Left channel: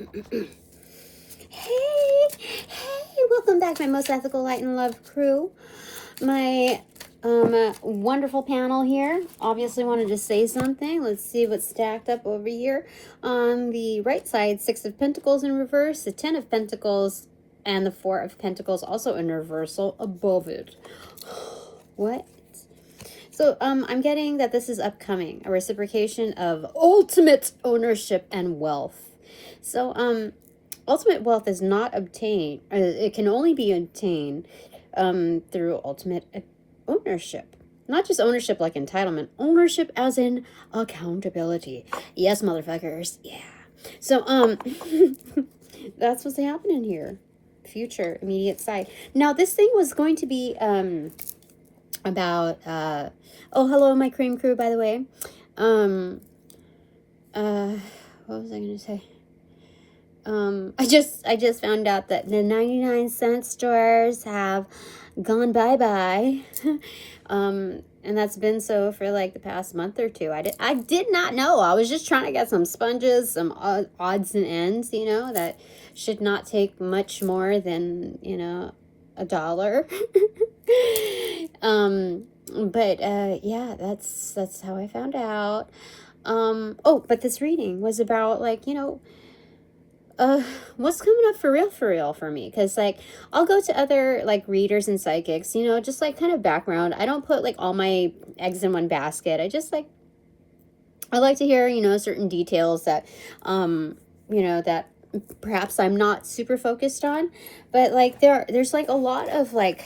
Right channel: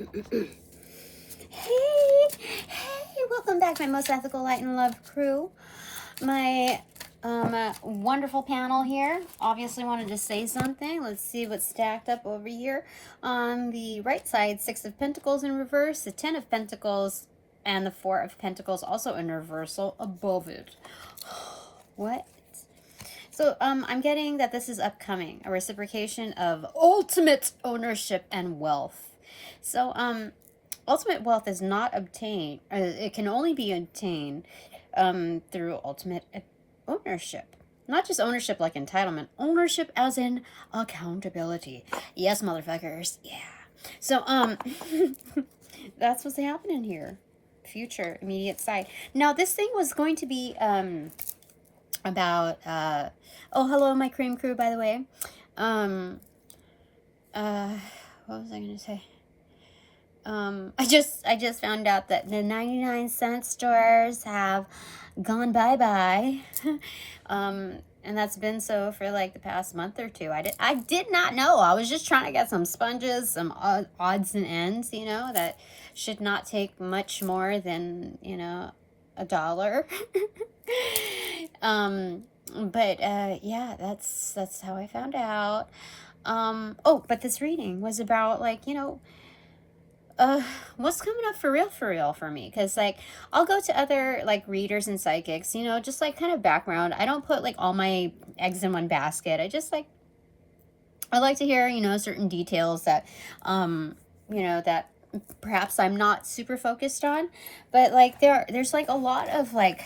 Hey, welcome back, my most ethical light and love crew. My wonderful panel here. Obviously wanted to say something. Let's see what's stacked up over here. On the right side, 6 of Pentacles in reverse, the 10 of Pentacles, and the 4 of Pentacles also in reversal above it. What? So I'm getting that this is upcoming, a reciprocation of ultimate ownership and wealth. So ultimate wealth is not obtained, it can only be obtained through ultimate ownership. Not just ownership like entitlement, ownership as in accountability. Yes, motherfuckers. Yeah. So that's what's happening here. Future, immediate side. Now this thing was going to be about oh, hello my cream crew, by the way. What was I gonna say? I just found out that the 99-cent stores have gone bye-bye. And that's been so for like the past month or two. I did not know. I was just trying to get some sponges, some odds and ends, you know, that should not take much more than, you know, $1. But yeah, that's how I found out. Oh, but this reading was about, like, you know, what's coming up for real for me, because like I'll go to other like readers and psychics, you know, just like kind of background. I don't put like all my eggs in one basket. I just like, I like to hear, you know, certain details that you know, that perhaps I'm not super focused on, but like there's like a lot of like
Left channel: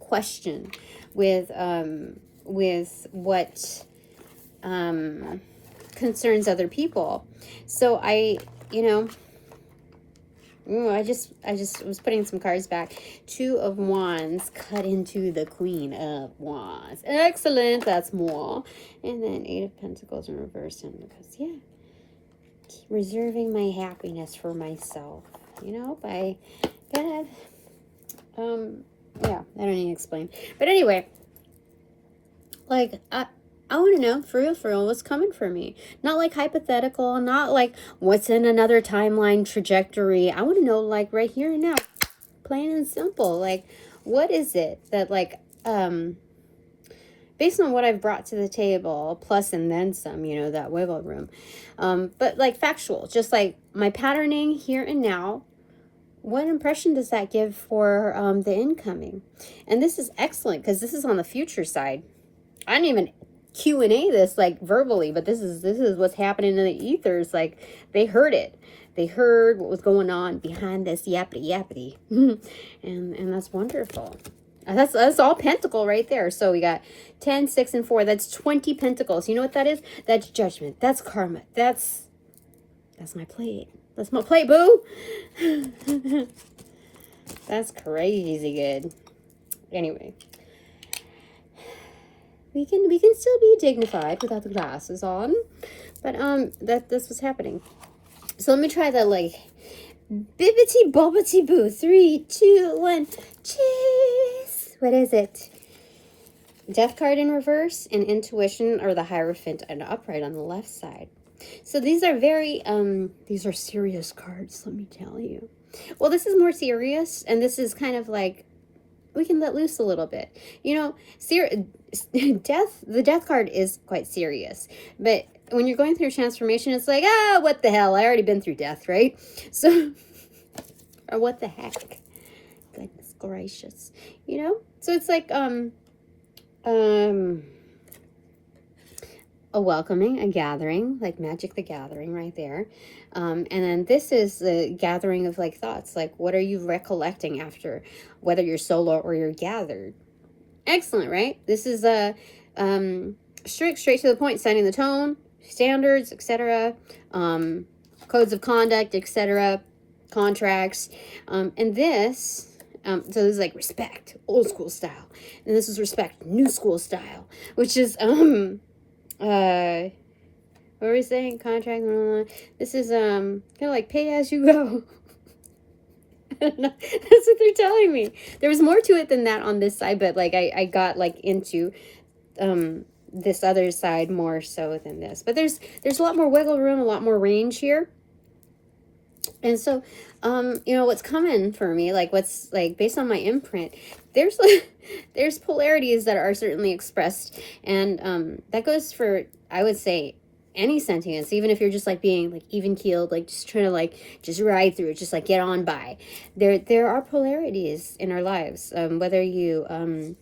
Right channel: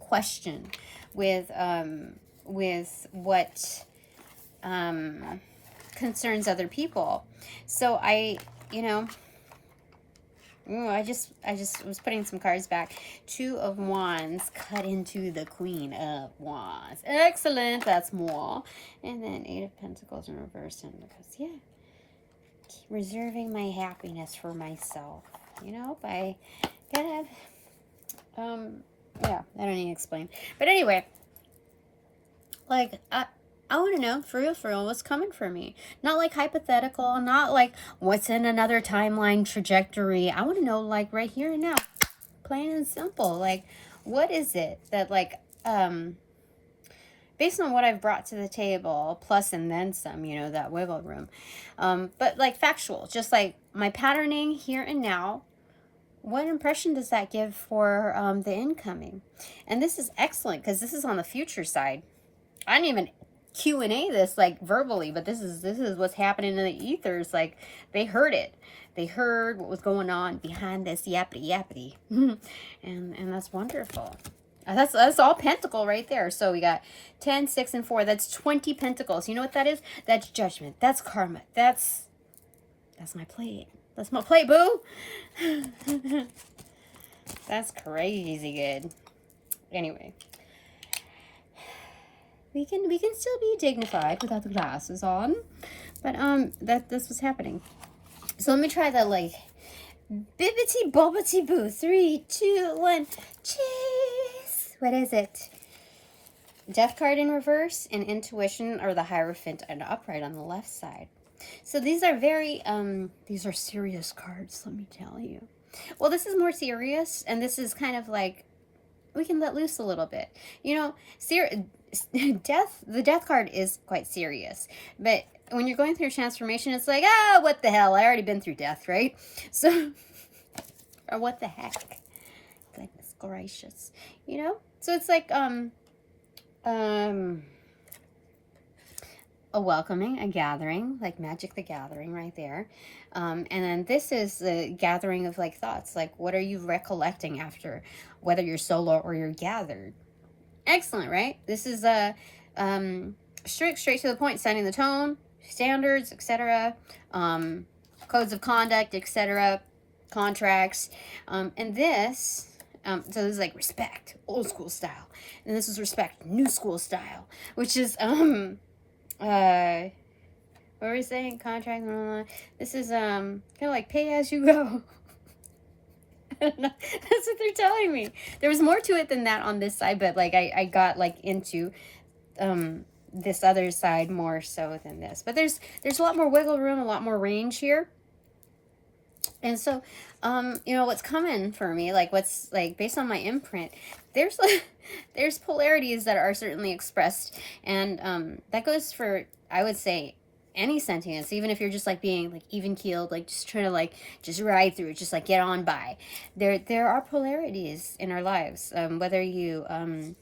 question with what concerns other people. So I, you know, ooh, I just was putting some cards back. 2 of Wands cut into the Queen of Wands. Excellent. That's more. And then 8 of Pentacles in reverse. And because, yeah, keep reserving my happiness for myself. You know, by kind of, yeah, I don't need to explain. But anyway, like, I want to know, for real, what's coming for me. Not like hypothetical, not like what's in another timeline trajectory. I want to know, like, right here and now. Plain and simple. Like, what is it that, like, based on what I've brought to the table, plus and then some, you know, that wiggle room. But, like, factual. Just, like, my patterning here and now. What impression does that give for the incoming? And this is excellent, because this is on the future side. I didn't even Q&A this like verbally, but this is what's happening in the ethers. Like, they heard it. They heard what was going on behind this yappity. and that's wonderful. That's all pentacle right there. So we got 10, 6, and 4. That's 20 pentacles. You know what that is? That's judgment. That's karma. That's my plate. That's my plate, boo. That's crazy good. Anyway. We can still be dignified without the glasses on, but that's what's happening. So let me try the like bibbity bobbity boo. 3, 2, 1, cheese. What is it? Death card in reverse and intuition, or the Hierophant and upright on the left side. So these are very these are serious cards. Let me tell you. Well, this is more serious, and this is kind of like, we can let loose a little bit, you know. The death card is quite serious, but when you're going through transformation, it's like, what the hell, I already been through death, right? So, or what the heck, goodness gracious, you know. So it's like a welcoming, a gathering, like Magic the Gathering right there. And then this is the gathering of like thoughts, like what are you recollecting after, whether you're solo or you're gathered. Excellent, right? This is straight to the point, setting the tone, standards, etc., codes of conduct, etc., contracts, and this, so this is like respect, old school style, and this is respect, new school style, which is what were we saying? Contract. This is kind of like pay as you go. That's what they're telling me. There was more to it than that on this side, but like I got like into this other side more so than this. But there's a lot more wiggle room, a lot more range here. And so, you know, what's coming for me, like what's like based on my imprint, there's like, there's polarities that are certainly expressed. And that goes for, I would say, any sentience, even if you're just like being like even keeled, like just trying to like just ride through it, just like get on by. There are polarities in our lives, whether you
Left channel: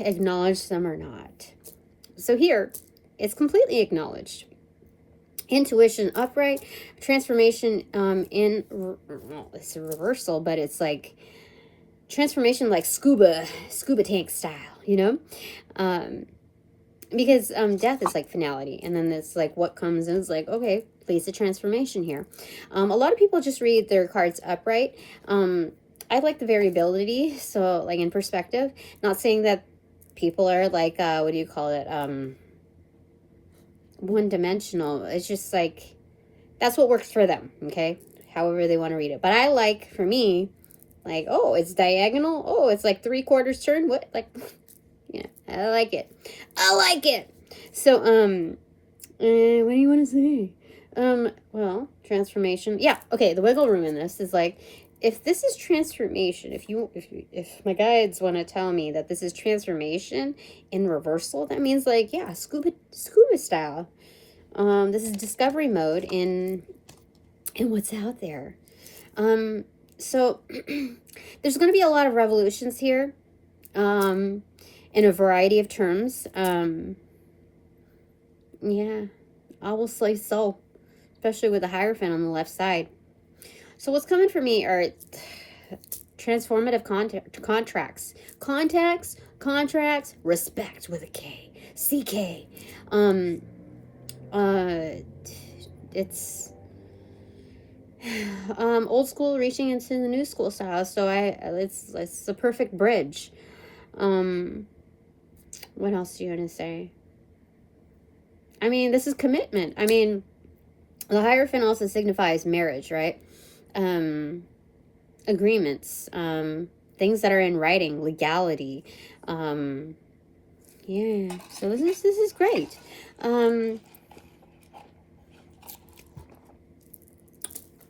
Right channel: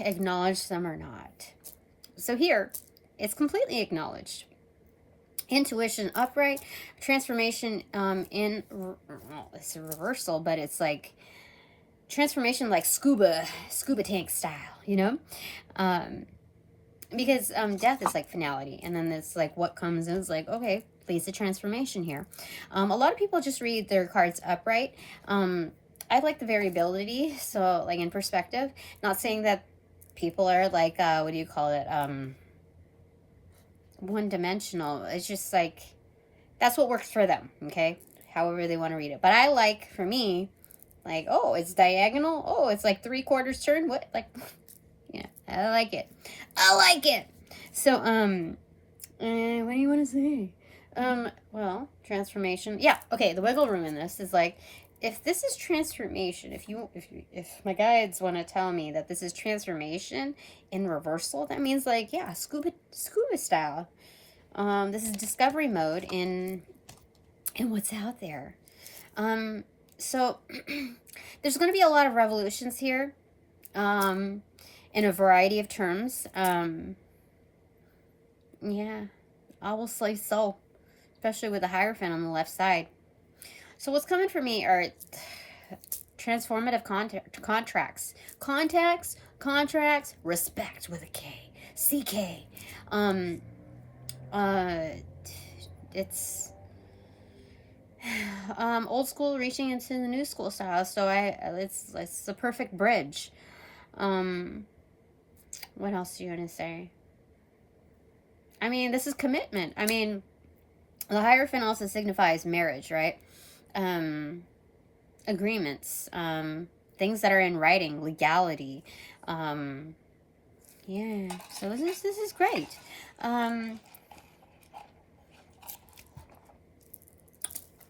acknowledge them or not. So here, it's completely acknowledged. Intuition upright, transformation in, well, it's a reversal, but it's like transformation like scuba tank style, you know? Because death is like finality, and then it's like what comes in is like, okay, leads to transformation here. A lot of people just read their cards upright. I like the variability, so like in perspective, not saying that people are like, what do you call it? One-dimensional. It's just like, that's what works for them, okay? However they want to read it. But I like, for me, like, oh, it's diagonal. Oh, it's like 3/4 turn. What? Like, yeah, I like it. I like it. So, what do you want to say? Well, transformation. Yeah, okay, the wiggle room in this is like, if this is transformation, if my guides want to tell me that this is transformation in reversal, that means like, yeah, scuba style. This is discovery mode in what's out there. So there's going to be a lot of revolutions here, in a variety of terms. Yeah, I will say so, especially with the Hierophant on the left side. So what's coming for me are transformative contracts, respect with a K, CK. It's old school reaching into the new school style. So it's a perfect bridge. What else do you want to say? I mean, this is commitment. I mean, the Hierophant also signifies marriage, right? Agreements, things that are in writing, legality. Yeah, so this is great.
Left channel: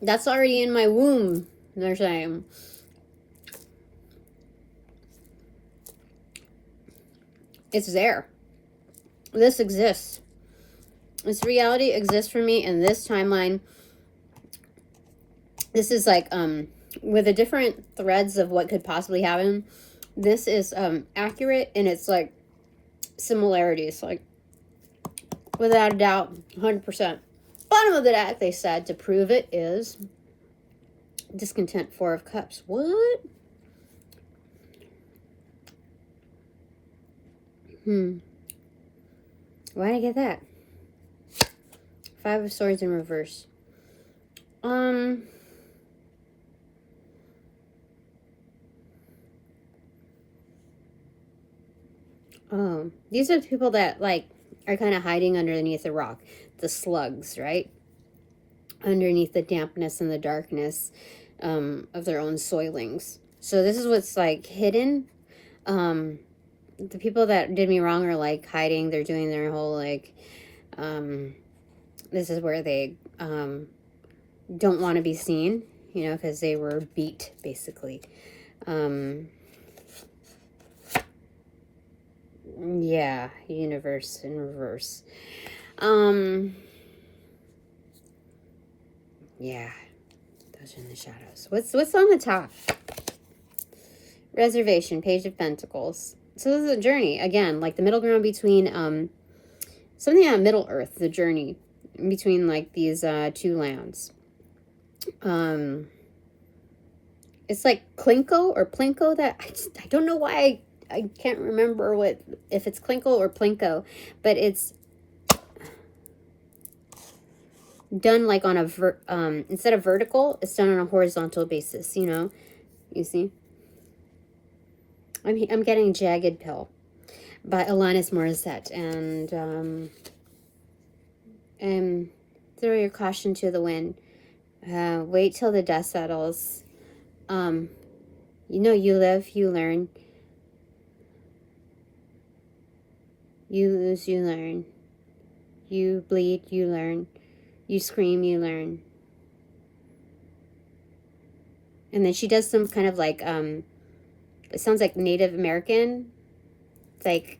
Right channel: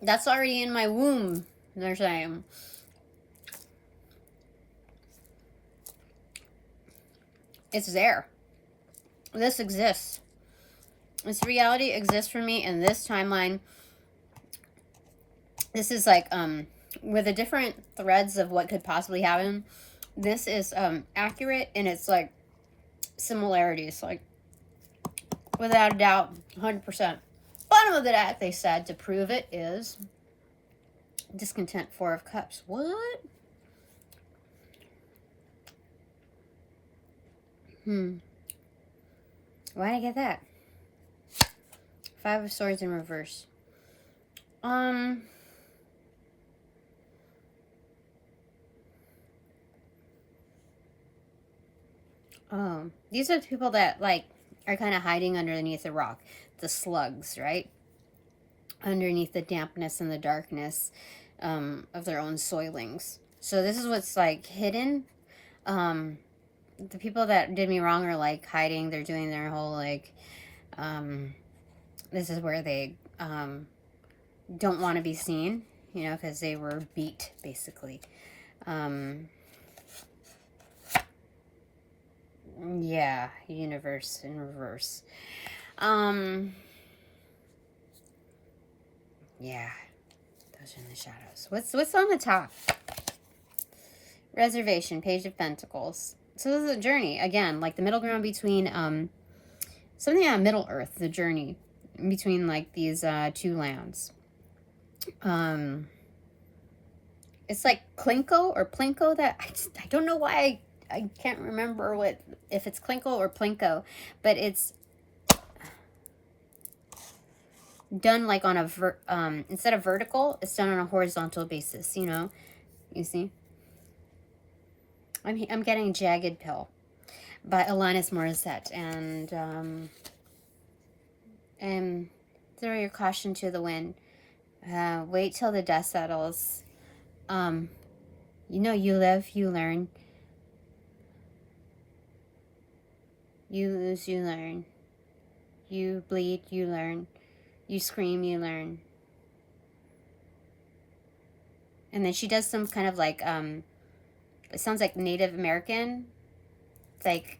That's already in my womb, they're saying. It's there. This exists. This reality exists for me in this timeline. This is like, with the different threads of what could possibly happen, this is accurate, and it's like similarities, like without a doubt, 100%. Bottom of the deck, they said, to prove it is discontent, 4 of Cups. What? Why did I get that? 5 of Swords in reverse. These are people that like are kind of hiding underneath the rock, the slugs, right? Underneath the dampness and the darkness of their own soilings. So this is what's like hidden. The people that did me wrong are like hiding. They're doing their whole like, this is where they don't want to be seen, you know, because they were beat, basically. Yeah, universe in reverse. Yeah, those are in the shadows. What's on the top? Reservation, Page of Pentacles. So this is a journey, again, like the middle ground between, something on Middle Earth, the journey between like these two lands. It's like Klinko or Plinko, that I don't know why I can't remember if it's Klinko or Plinko, but it's done like on a instead of vertical, it's done on a horizontal basis, you know. You see, I'm getting Jagged Pill by Alanis Morissette, and throw your caution to the wind. Wait till the dust settles. You know, you live, you learn. You lose, you learn. You bleed, you learn. You scream, you learn. And then she does some kind of like, it sounds like Native American, like,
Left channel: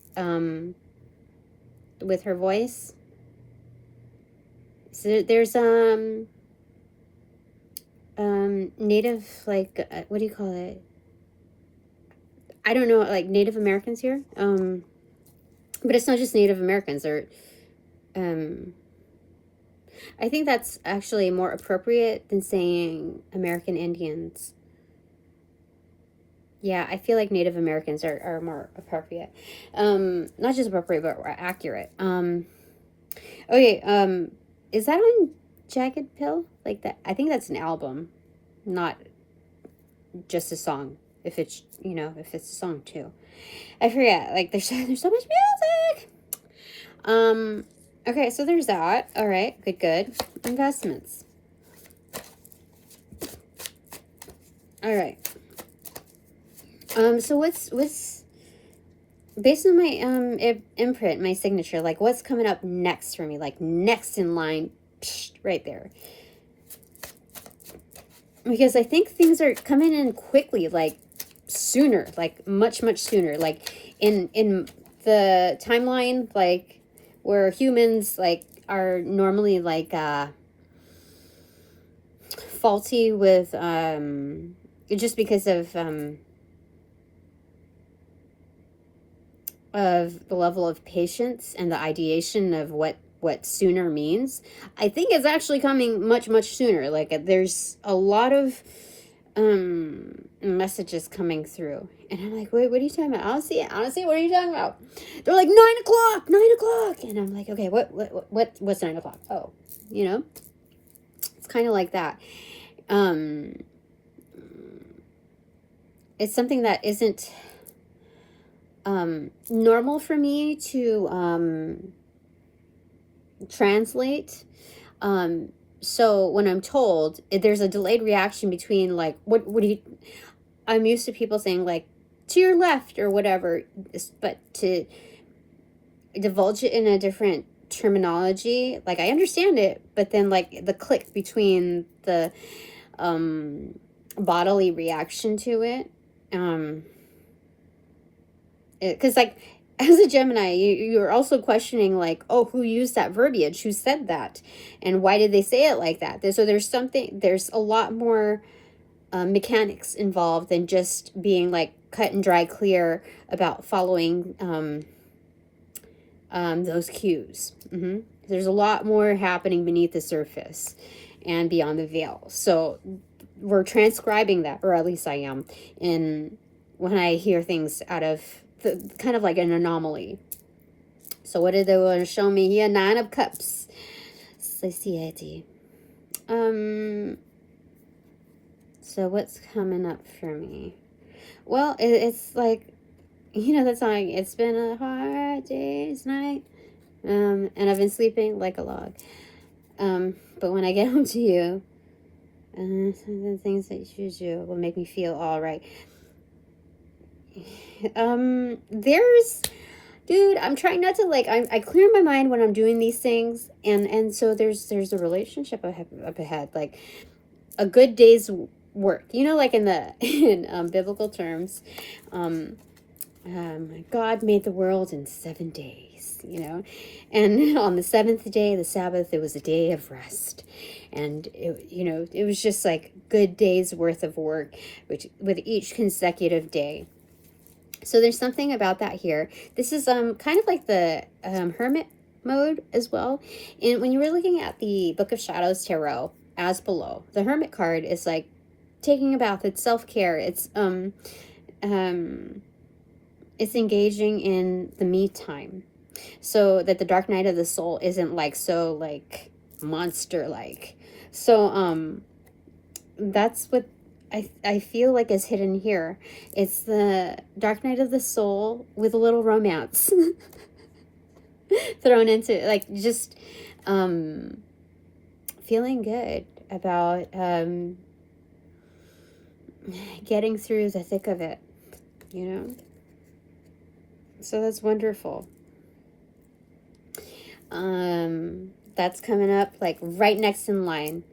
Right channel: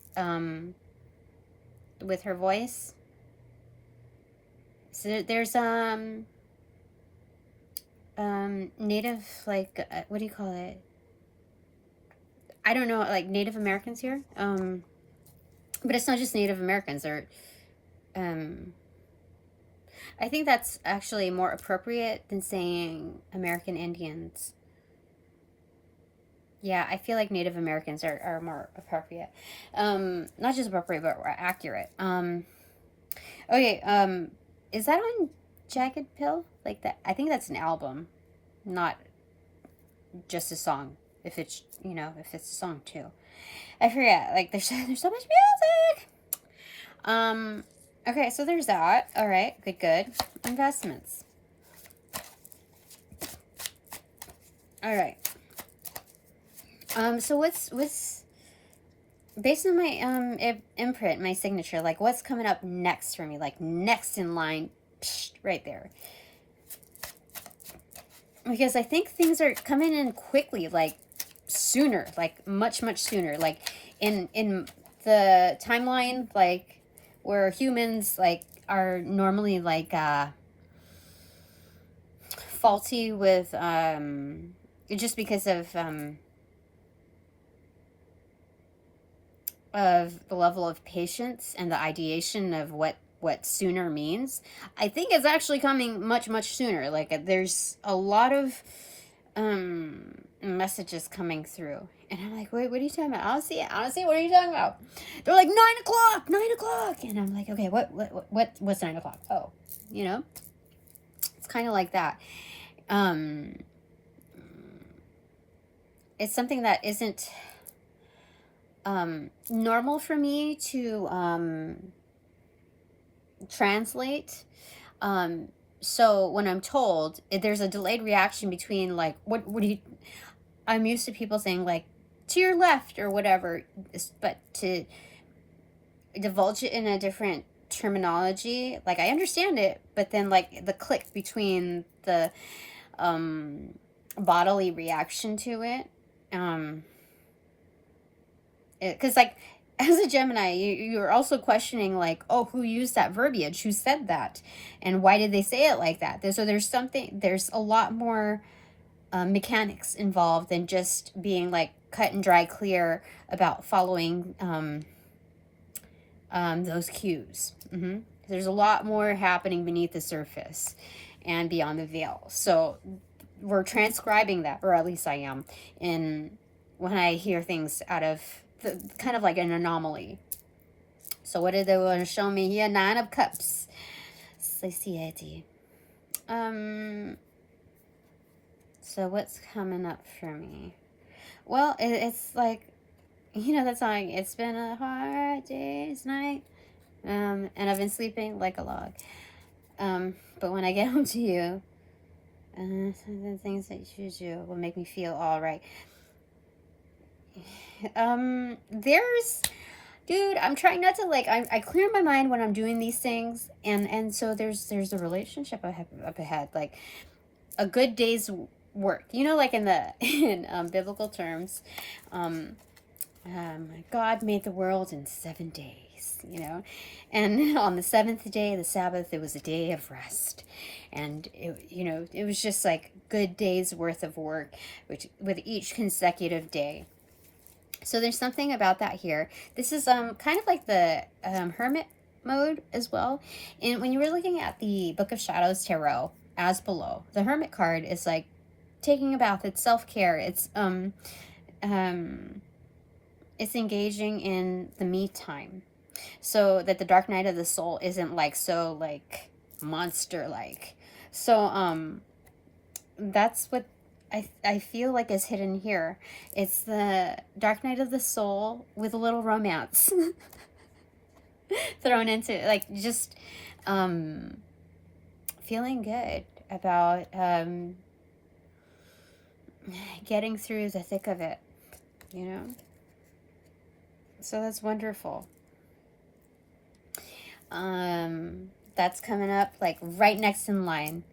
with her voice. So there's, Native, like, what do you call it? I don't know, like Native Americans here. But it's not just Native Americans, or, I think that's actually more appropriate than saying American Indians. Yeah, I feel like Native Americans are more appropriate. Not just appropriate, but accurate. Okay, is that on Jagged Pill? Like that? I think that's an album, not just a song. If it's, you know, if it's a song too. I forget, like, there's so much music! Okay, so there's that. Alright, good. Investments. Alright. So what's based on my, imprint, my signature, like, what's coming up next for me? Like, next in line, right there. Because I think things are coming in quickly, like, sooner, like, much sooner. Like, in the timeline, like, where humans, like, are normally, like, faulty with, just because of the level of patience and the ideation of what sooner means. I think it's actually coming much sooner. Like, there's a lot of messages coming through, and I'm like, wait, what are you talking about? Honestly, what are you talking about? They're like 9 o'clock, and I'm like, okay, what's 9 o'clock? Oh, you know, it's kind of like that. It's something that isn't normal for me to translate. So when I'm told, there's a delayed reaction between, like, what do you, I'm used to people saying, like, to your left or whatever, but to divulge it in a different terminology, like, I understand it, but then, like, the click between the bodily reaction to it, because, like, as a Gemini, you're also questioning, like, oh, who used that verbiage? Who said that? And why did they say it like that? So there's a lot more mechanics involved than just being, like, cut and dry clear about following those cues. There's a lot more happening beneath the surface and beyond the veil. So we're transcribing that, or at least I am, when I hear things out of kind of like an anomaly. So what did they want to show me here? 9 of Cups. Satiety. So what's coming up for me? Well, it's like, you know that song, it's been a hard day's night. And I've been sleeping like a log. But when I get home to you, some of the things that you do will make me feel all right. Dude, I'm trying not to, like, I clear my mind when I'm doing these things, and so there's a relationship up ahead, like a good day's work, you know, like in biblical terms, God made the world in 7 days, you know, and on the 7th day, the Sabbath, it was a day of rest, and it was just like good days worth of work, which with each consecutive day. So there's something about that here. This is kind of like the Hermit mode as well. And when you were looking at the Book of Shadows Tarot, as below, the Hermit card is like taking a bath. It's self-care. It's engaging in the me time, so that the dark night of the soul isn't like so like monster like. So that's what I feel like is hidden here. It's the dark night of the soul with a little romance thrown into, like, just feeling good about getting through the thick of it, you know. So that's wonderful. That's coming up like right next in line.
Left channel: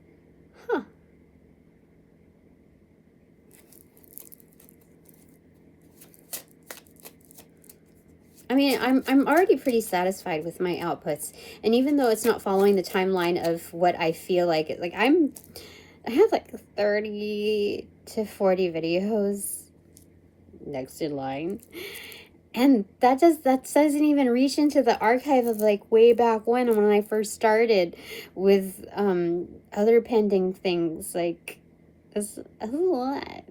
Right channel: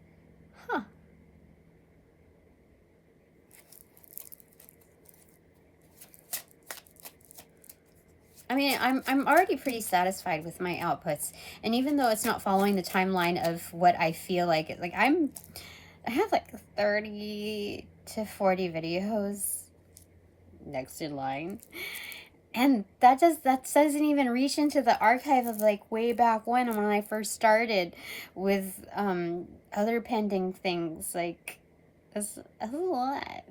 I mean, I'm already pretty satisfied with my outputs, and even though it's not following the timeline of what I feel like I have like 30 to 40 videos next in line, and that doesn't even reach into the archive of like way back when I first started with other pending things. Like, it's a lot,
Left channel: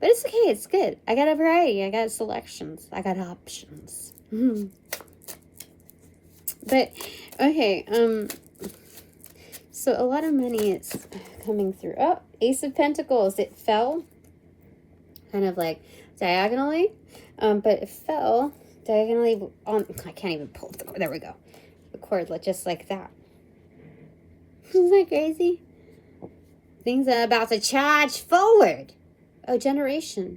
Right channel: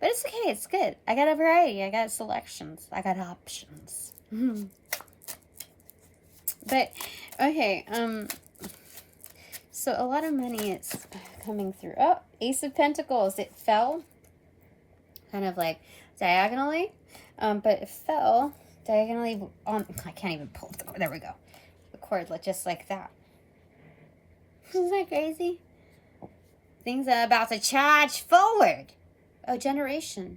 but it's okay, it's good. I got a variety, I got selections, I got options. But okay, so a lot of money is coming through. Oh, Ace of Pentacles, it fell kind of like diagonally, but it fell diagonally on, I can't even pull the, there we go, the cordlet, just like that. Isn't that crazy? Things are about to charge forward. Oh, generation.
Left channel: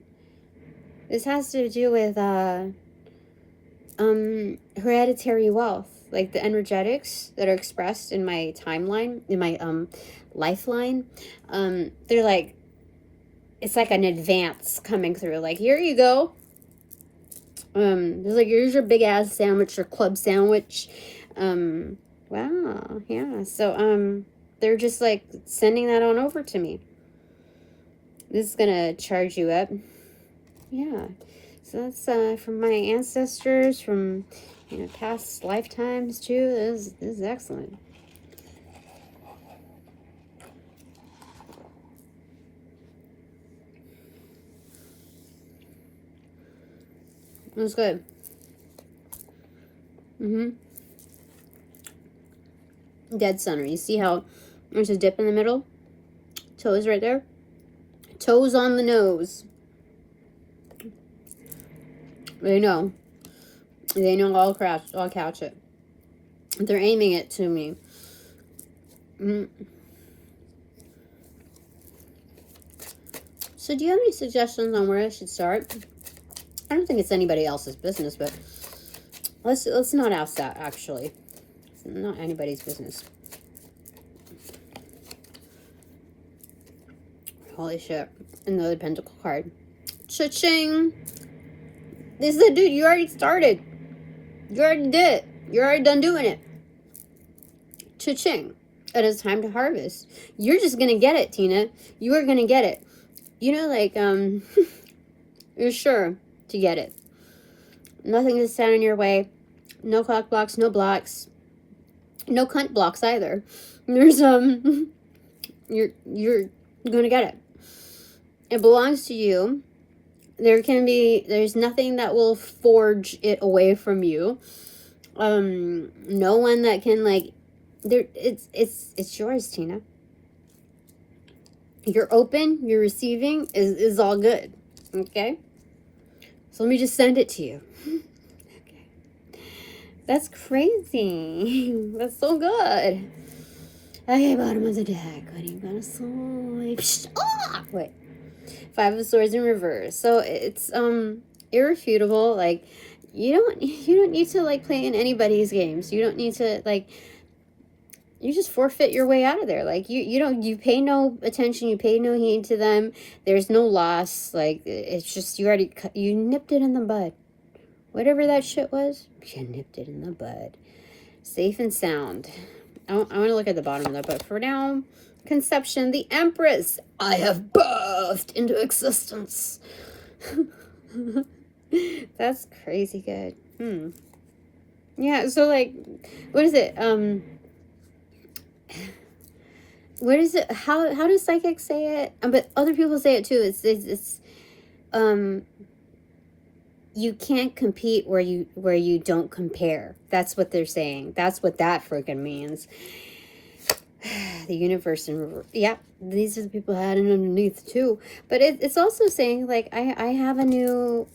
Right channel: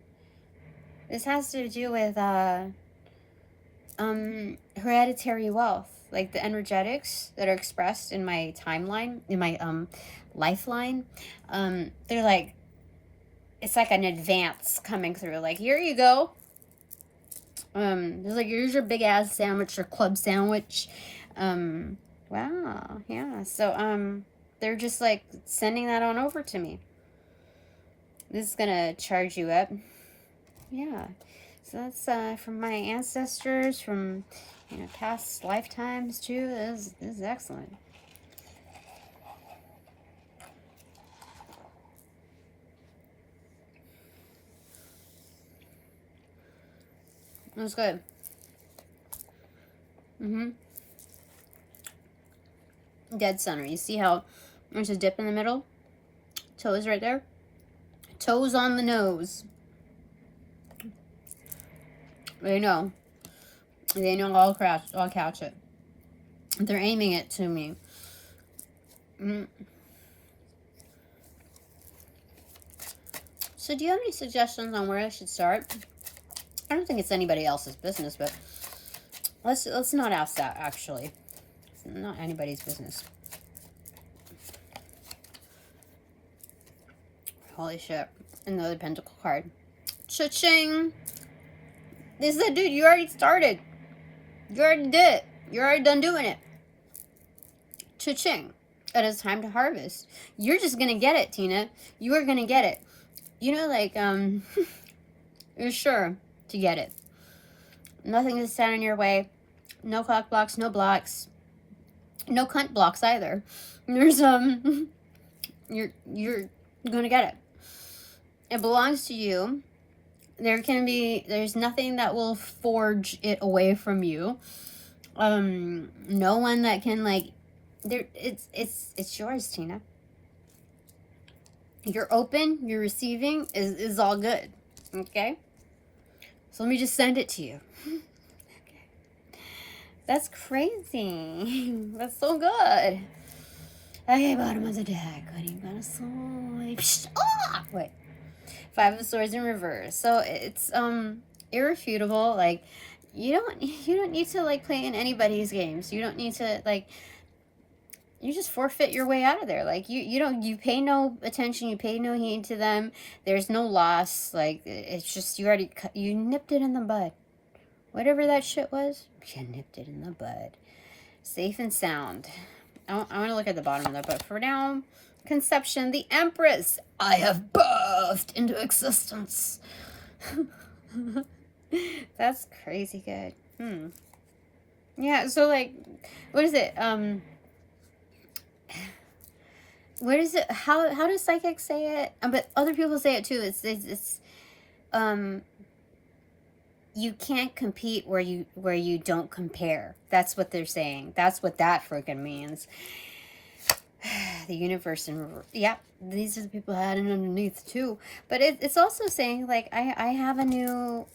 This has to do with hereditary wealth, like the energetics that are expressed in my timeline, in my lifeline. They're like, it's like an advance coming through. Like, here you go. There's like, here's your big ass sandwich, your club sandwich. Wow, yeah. So they're just like sending that on over to me. This is gonna charge you up. Yeah. So that's from my ancestors, from, you know, past lifetimes too. This is excellent. It was good. Dead center. You see how there's a dip in the middle? Toes right there. Toes on the nose. They know. They know I'll catch it. They're aiming it to me. So do you have any suggestions on where I should start? I don't think it's anybody else's business, but let's not ask that, actually. It's not anybody's business. Holy shit. Another pentacle card. Cha-ching! He said, dude, you already started. You already did it. You're already done doing it. Cha-ching. It is time to harvest. You're just gonna get it, Tina. You are gonna get it. You know, like, you're sure to get it. Nothing is standing in your way. No clock blocks, no blocks. No cunt blocks either. There's, you're gonna get it. It belongs to you. There's nothing that will forge it away from you. No one that can, like, it's yours, Tina. You're open, you're receiving, is all good. Okay? So let me just send it to you. Okay. That's crazy. That's so good. Okay, bottom of the deck. What are you gonna swipe? Ah! Wait. Five of Swords in reverse. So it's irrefutable. Like, you don't need to like play in anybody's games. You don't need to, like, you just forfeit your way out of there. Like, you pay no attention, you pay no heed to them. There's no loss. Like, it's just, you nipped it in the bud. Whatever that shit was, you nipped it in the bud. Safe and sound. I want to look at the bottom of that, but for now, conception, the Empress. I have birthed into existence. That's crazy good. Yeah, so like, what is it? What is it? How do psychics say it? But other people say it too. It's you can't compete where you don't compare. That's what they're saying. That's what that freaking means. The universe and yeah, these are the people who had it underneath too. But it's also saying, like, I have a new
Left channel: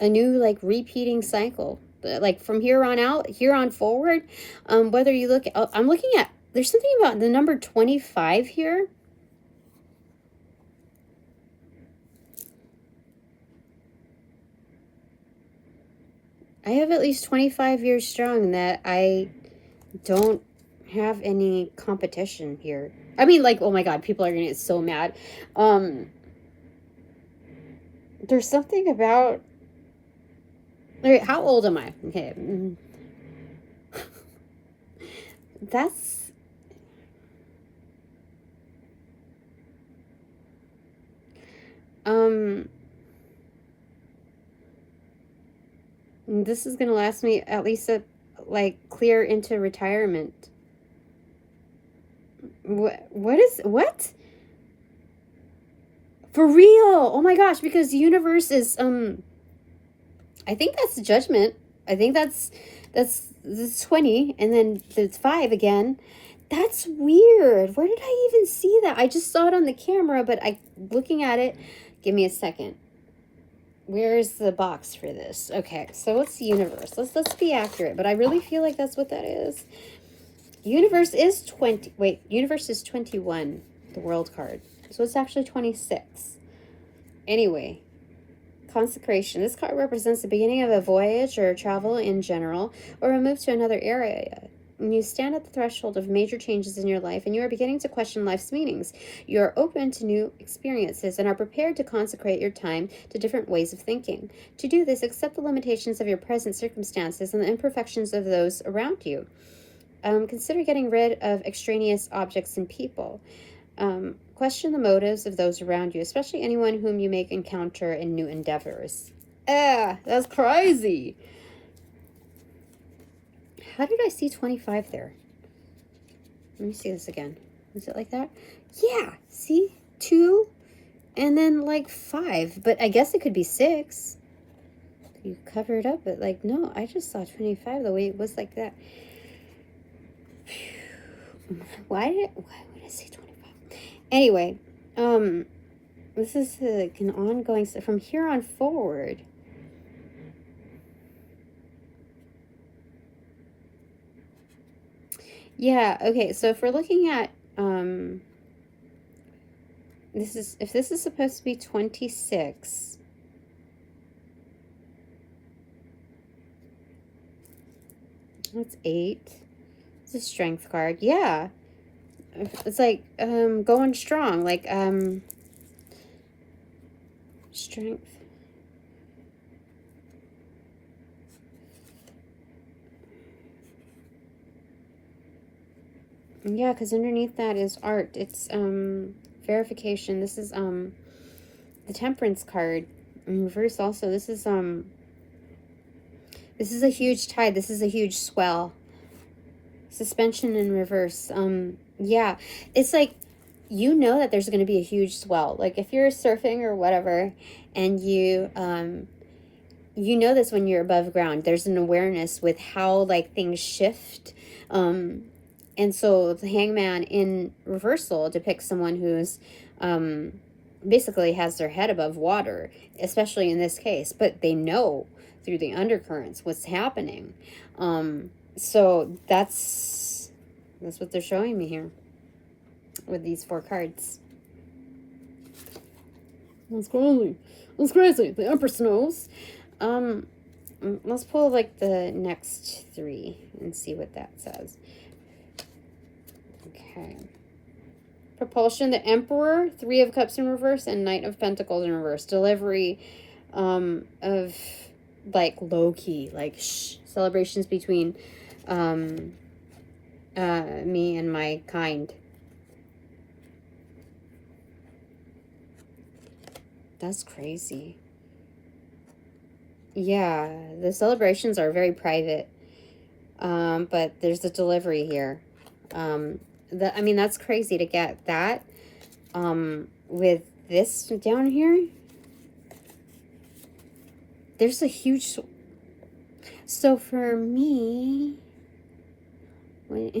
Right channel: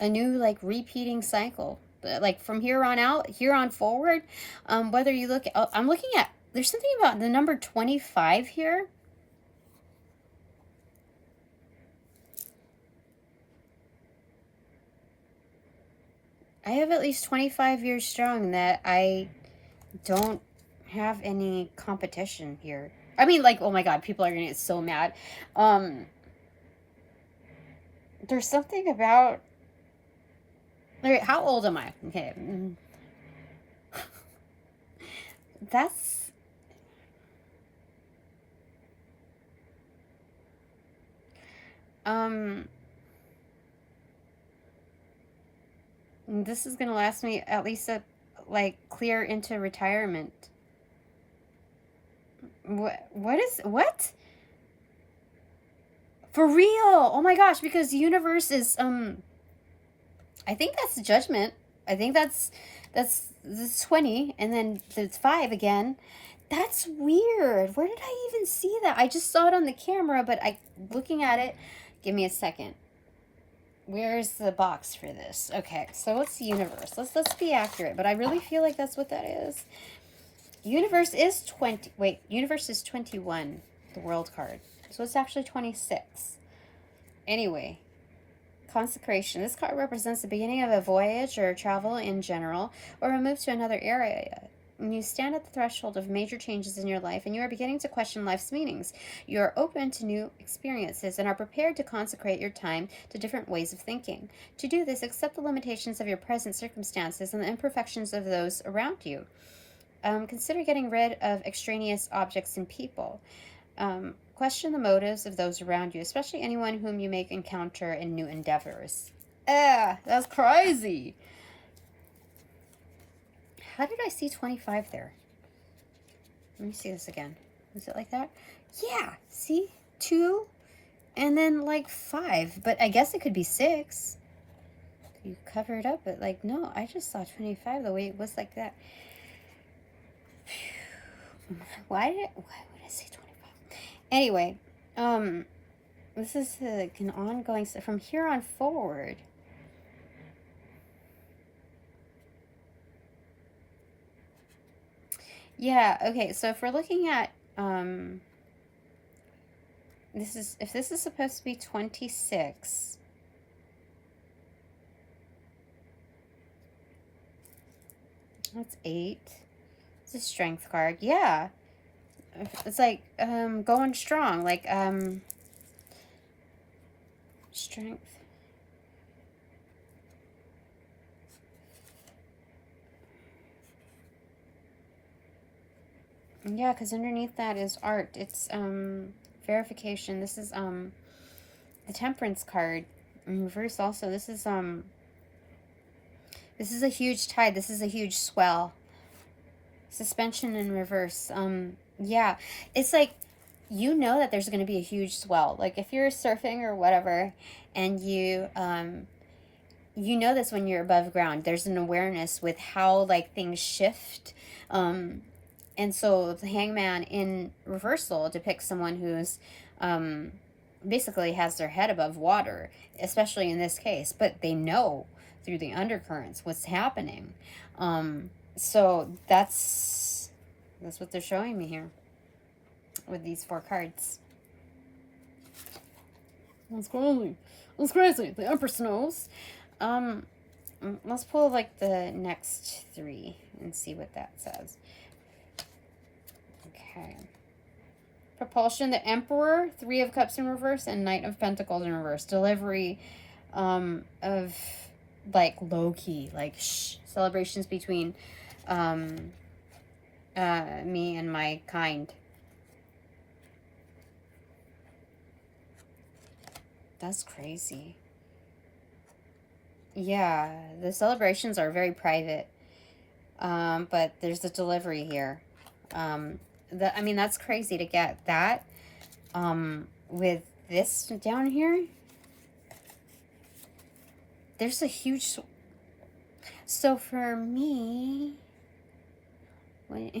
like repeating cycle. Like from here on out, here on forward, whether you look at, I'm looking at, there's something about the number 25 here. I have at least 25 years strong that I don't have any competition here. I mean, like, oh my god, people are gonna get so mad. There's something about Wait, how old am I? Okay. That's... This is gonna last me at least like clear into retirement. What? For real? Oh my gosh, because the universe is I think that's judgment. I think that's 20 and then it's 5 again. That's weird. Where did I even see that? I just saw it on the camera, but looking at it, give me a second. Where's the box for this? Okay, so what's the universe? Let's be accurate, but I really feel like that's what that is. Universe is 20. Wait, universe is 21, the world card. So it's actually 26. Anyway, consecration. This card represents the beginning of a voyage or travel in general, or a move to another area. When you stand at the threshold of major changes in your life and you are beginning to question life's meanings, you are open to new experiences and are prepared to consecrate your time to different ways of thinking. To do this, accept the limitations of your present circumstances and the imperfections of those around you. Consider getting rid of extraneous objects and people. Question the motives of those around you, especially anyone whom you may encounter in new endeavors. That's crazy. How did I see 25 there? Let me see this again. Is it like that? Yeah, see? 2 and then like 5. But I guess it could be 6. You cover it up, but like, no, I just saw 25 the way it was like that. Why would I say 25? Anyway, this is like an ongoing, from here on forward. Yeah, okay, so if we're looking at, if this is supposed to be 26, that's 8. It's a strength card. Yeah. It's like, going strong, like, strength. Yeah, because underneath that is art. It's verification. This is the temperance card in reverse. Also, this is a huge tide. This is a huge swell. Suspension in reverse. Yeah, it's like, you know that there's going to be a huge swell. Like if you're surfing or whatever, and you know this when you're above ground. There's an awareness with how like things shift. And so the hangman in reversal depicts someone who's basically has their head above water, especially in this case, but they know through the undercurrents what's happening. So that's what they're showing me here with these 4 cards. That's crazy. That's crazy. The Empress knows. Let's pull like the next 3 and see what that says. Okay. Propulsion, the Emperor, 3 of Cups in reverse, and Knight of Pentacles in reverse. Delivery of like low-key, like celebrations between me and my kind. That's crazy. Yeah, the celebrations are very private. But there's a delivery here. I mean, that's crazy to get that. With this down here, there's a huge... So for me... Wait.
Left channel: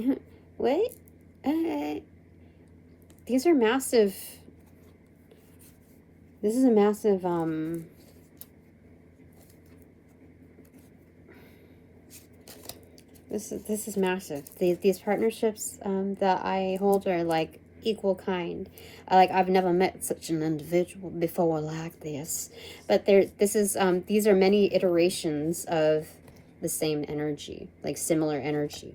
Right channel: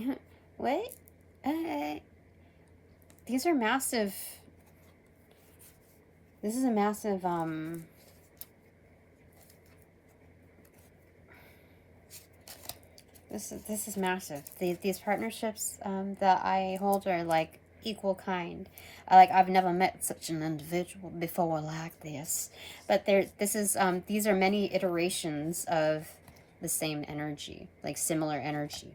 These are massive... This is a massive, This is massive. These partnerships that I hold are like equal kind. I've never met such an individual before like this. But these are many iterations of the same energy, like similar energy.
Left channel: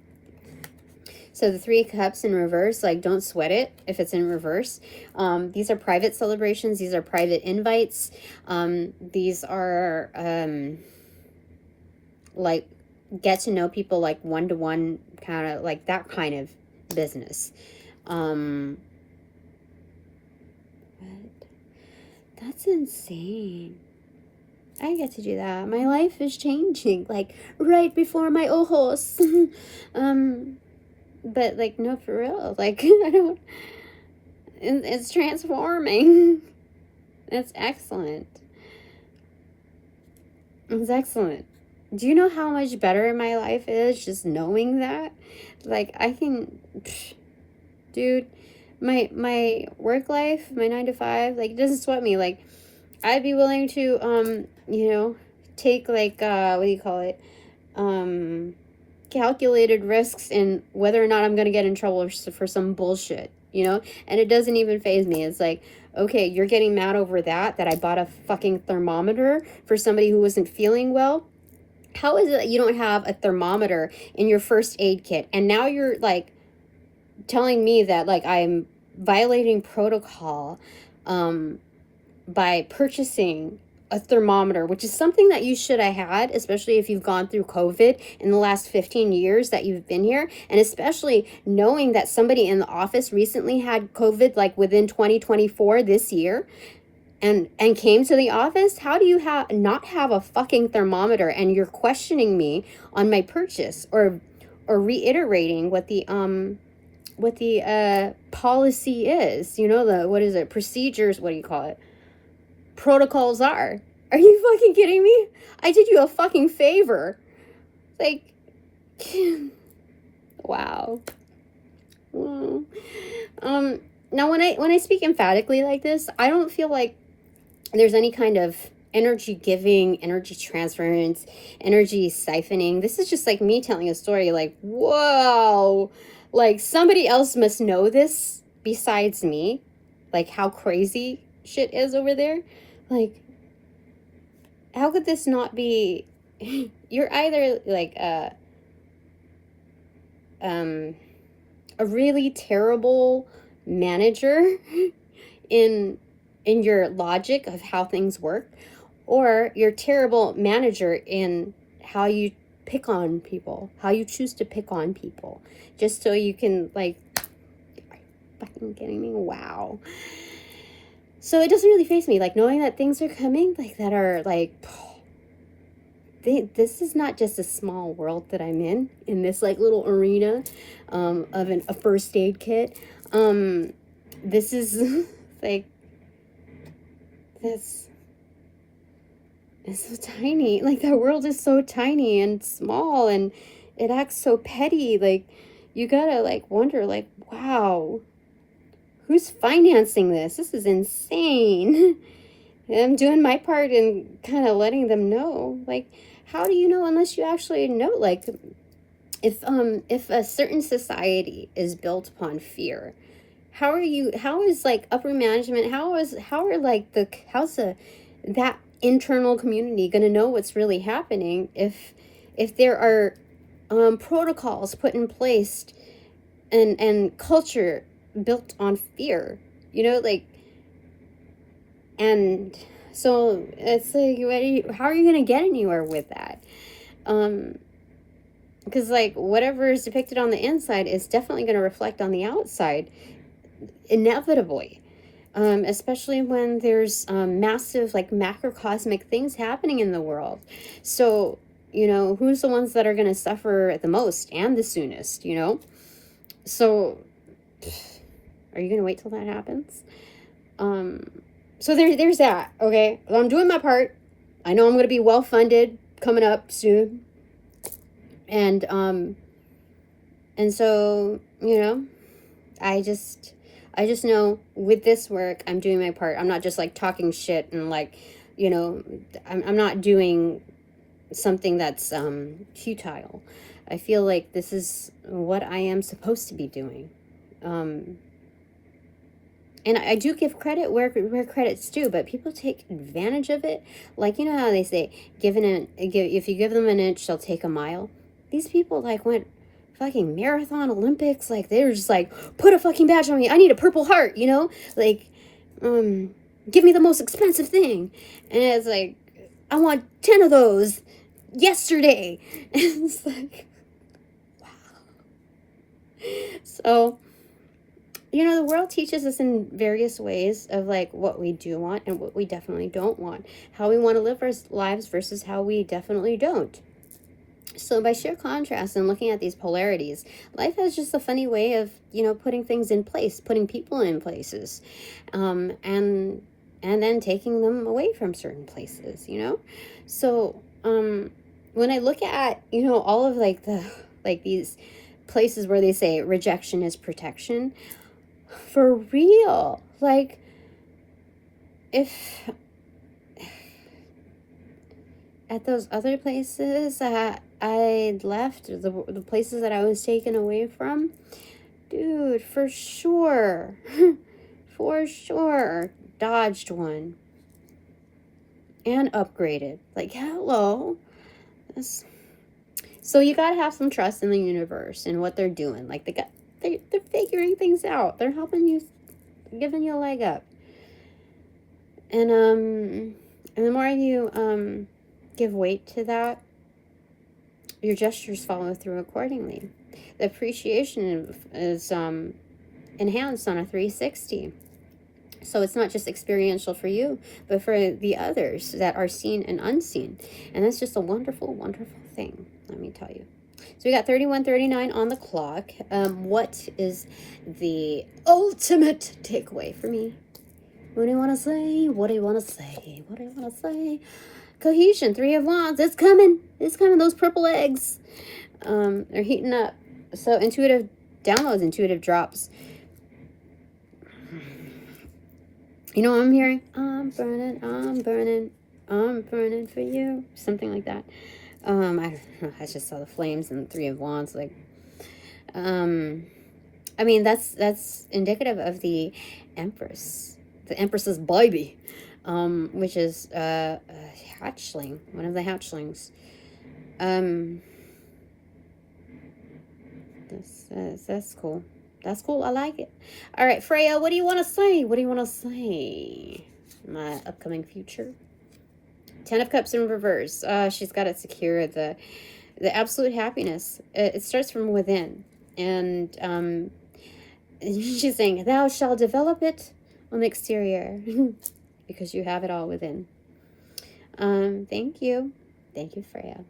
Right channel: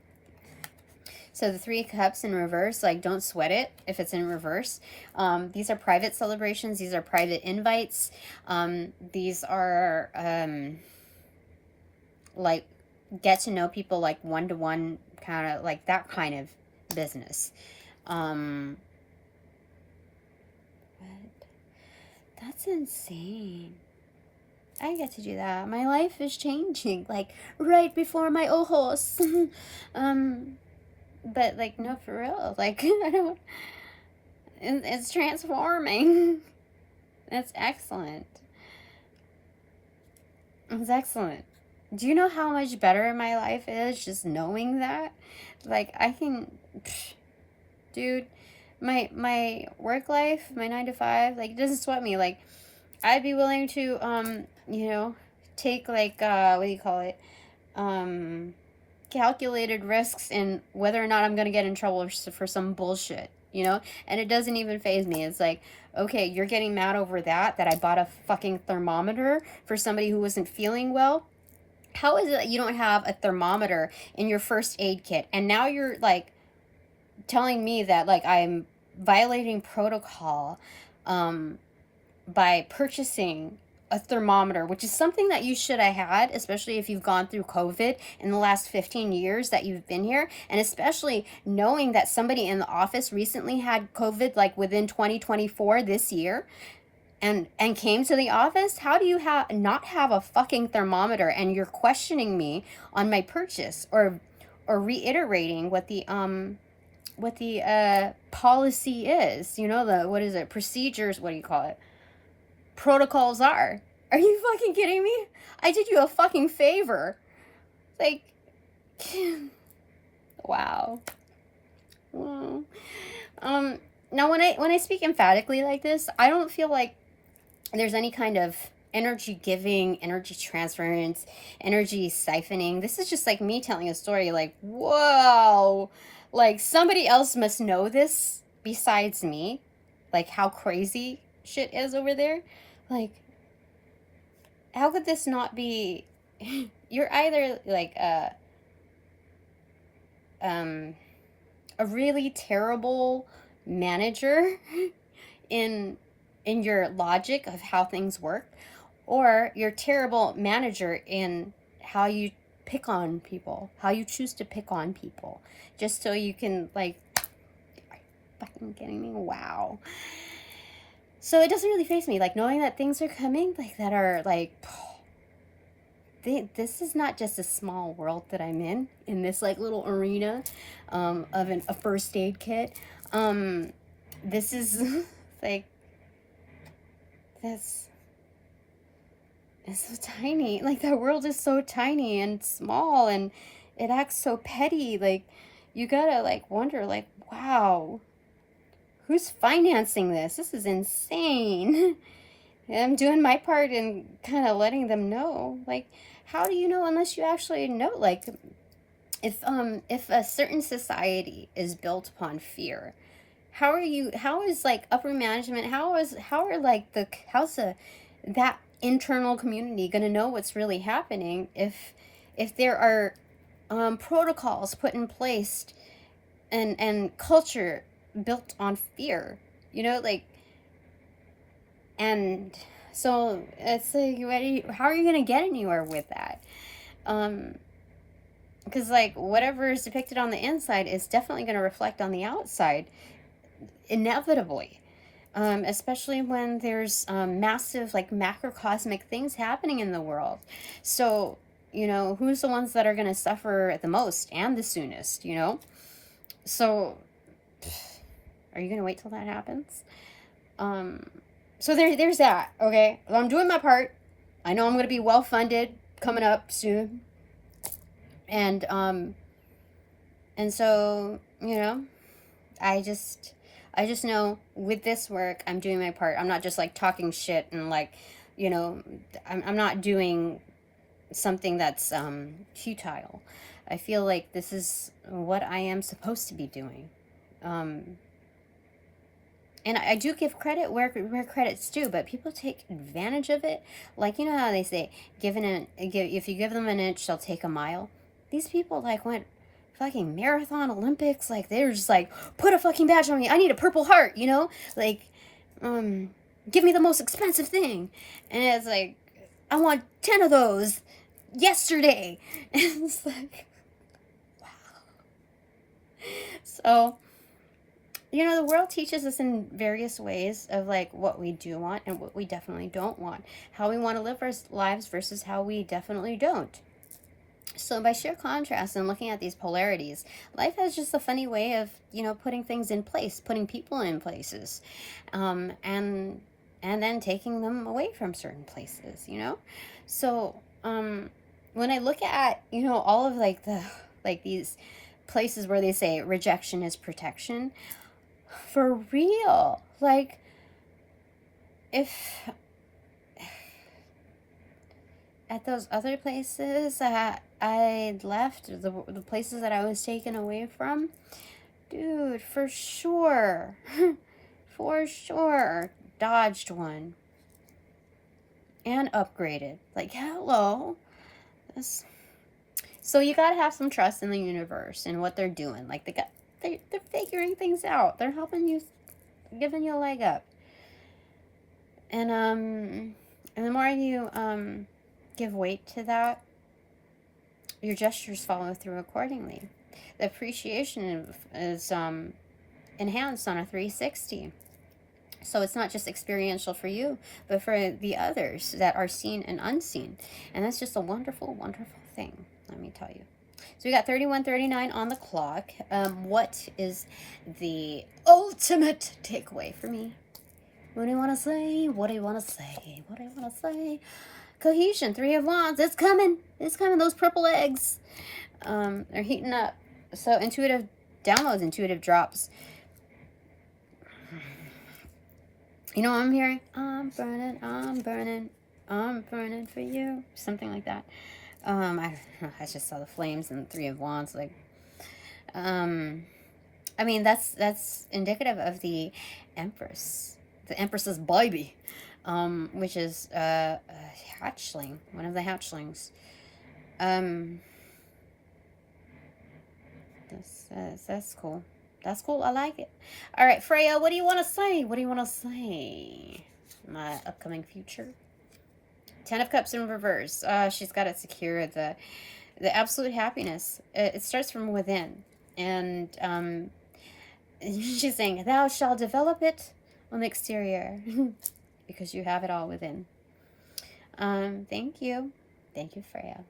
So the 3 of Cups in reverse, like don't sweat it if it's in reverse. These are private celebrations. These are private invites. These are like, get to know people, like, one-to-one, kind of, like, that kind of business. That's insane. I get to do that. My life is changing, like, right before my ojos. But, like, no, for real. Like, I don't... It's transforming. That's excellent. It's excellent. Do you know how much better my life is just knowing that? Like, I can... Dude, my work life, my 9 to 5, like, it doesn't sweat me. Like, I'd be willing to, you know, take, like, what do you call it? Calculated risks in whether or not I'm going to get in trouble for some bullshit, you know? And it doesn't even faze me. It's like, okay, you're getting mad over that I bought a fucking thermometer for somebody who wasn't feeling well. How is it that you don't have a thermometer in your first aid kit? And now you're, like, telling me that, like, I'm violating protocol by purchasing a thermometer, which is something that you should have had, especially if you've gone through COVID in the last 15 years that you've been here, and especially knowing that somebody in the office recently had COVID, like, within 2024 this year, and came to the office. How do you not have a fucking thermometer, and you're questioning me on my purchase, or reiterating what the policy is, you know, the, what is it, procedures, what do you call it, protocols are. Are you fucking kidding me? I did you a fucking favor. Like, wow. Now when I speak emphatically like this, I don't feel like there's any kind of energy giving, energy transference, energy siphoning. This is just like me telling a story, like, whoa, like, somebody else must know this besides me, like, how crazy shit is over there. Like, how could this not be? You're either like a really terrible manager in your logic of how things work, or you're a terrible manager in how you pick on people, how you choose to pick on people, just so you can, like, fucking kidding me? Wow. So it doesn't really faze me, like, knowing that things are coming, like, that are, like, this is not just a small world that I'm in this, like, little arena of a first aid kit. This is, like, it's so tiny. Like, the world is so tiny and small, and it acts so petty. Like, you gotta, like, wonder, like, wow, who's financing this? This is insane. I'm doing my part in kind of letting them know. Like, how do you know unless you actually know? Like, if a certain society is built upon fear, how is like upper management, how's that internal community going to know what's really happening if there are protocols put in place and culture built on fear, you know, like, and so it's like, how are you going to get anywhere with that? Because, like, whatever is depicted on the inside is definitely going to reflect on the outside, inevitably, especially when there's massive, like, macrocosmic things happening in the world. So, you know, who's the ones that are going to suffer the most and the soonest, you know? So, are you going to wait till that happens? So there's that, okay? Well, I'm doing my part. I know I'm going to be well-funded coming up soon. And so, you know, I just know with this work, I'm doing my part. I'm not just, like, talking shit and, like, you know, I'm not doing something that's futile. I feel like this is what I am supposed to be doing. And I do give credit where credit's due, but people take advantage of it. Like, you know how they say, if you give them an inch, they'll take a mile. These people, like, went fucking marathon Olympics. Like, they were just like, put a fucking badge on me. I need a Purple Heart, you know? Like, give me the most expensive thing. And it's like, I want 10 of those. yesterday. And it's like, wow. So, you know, the world teaches us in various ways of like what we do want and what we definitely don't want. How we want to live our lives versus how we definitely don't. So by sheer contrast and looking at these polarities, life has just a funny way of, you know, putting things in place, putting people in places, and then taking them away from certain places, you know? So, when I look at, you know, all of like these places where they say rejection is protection, for real, like, if at those other places that I left, the places that I was taken away from, dude, for sure, for sure, dodged one and upgraded. Like, hello. So you gotta have some trust in the universe and what they're doing. Like, they're figuring things out. They're helping you, giving you a leg up. And the more you give weight to that, your gestures follow through accordingly. The appreciation is enhanced on a 360. So it's not just experiential for you, but for the others that are seen and unseen. And that's just a wonderful, wonderful thing, let me tell you. So we got 31:39 on the clock. What is the ultimate takeaway for me? What do you want to say? What do you want to say? What do you want to say? Cohesion, 3 of Wands. It's coming. It's coming. Those purple eggs are heating up. So intuitive downloads, intuitive drops. You know what I'm hearing? I'm burning, I'm burning, I'm burning for you. Something like that. I just saw the flames and 3 of Wands. Like, I mean, that's indicative of the Empress. The Empress's baby. Which is a hatchling, one of the hatchlings. That's cool. That's cool. I like it. All right, Freya, what do you want to say? What do you want to say? My upcoming future. 10 of Cups in reverse. She's got it secure. The absolute happiness. It starts from within, and she's saying, "Thou shalt develop it on the exterior." Because you have it all within. Thank you. Thank you, Freya.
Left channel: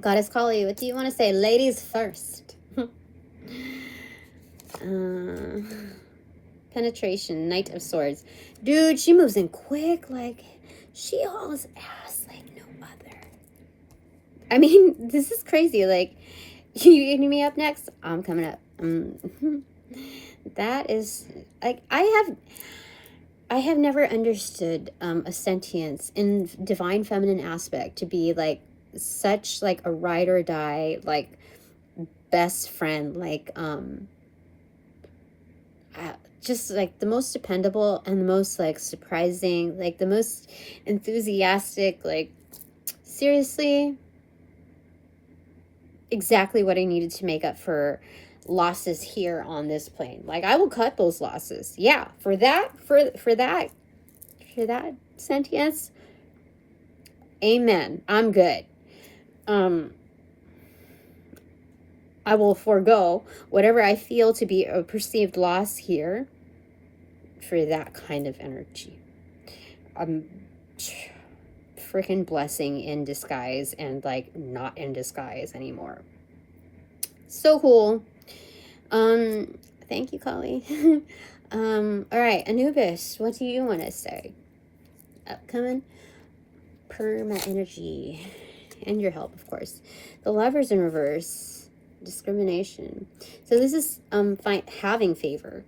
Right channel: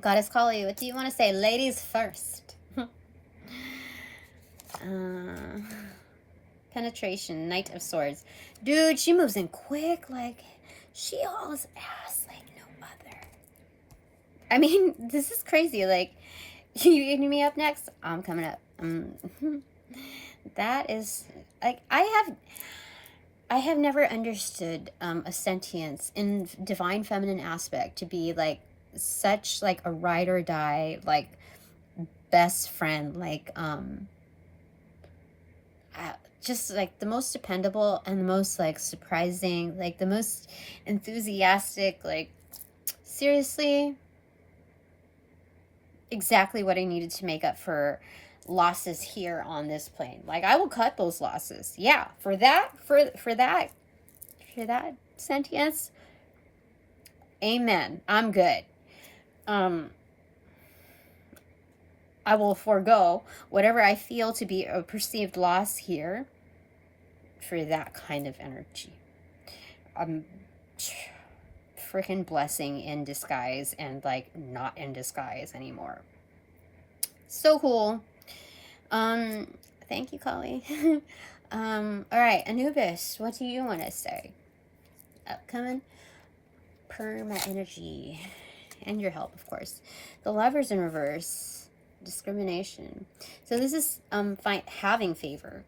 Goddess Kali, what do you want to say? Ladies first. Penetration, Knight of Swords. Dude, she moves in quick. Like, she hauls ass like no other. I mean, this is crazy. Like, you eating me up next? I'm coming up. That is, like, I have never understood a sentience in divine feminine aspect to be like such like a ride or die, like best friend, like just like the most dependable and the most like surprising, like the most enthusiastic, like seriously exactly what I needed to make up for losses here on this plane. Like, I will cut those losses. Yeah, for that sentience, amen. I'm good. I will forego whatever I feel to be a perceived loss here for that kind of energy. Freaking blessing in disguise and like not in disguise anymore. So cool. Thank you, Kali. All right, Anubis, what do you want to say? Upcoming perma energy and your help, of course. The Lovers in reverse, discrimination. So this is having favor.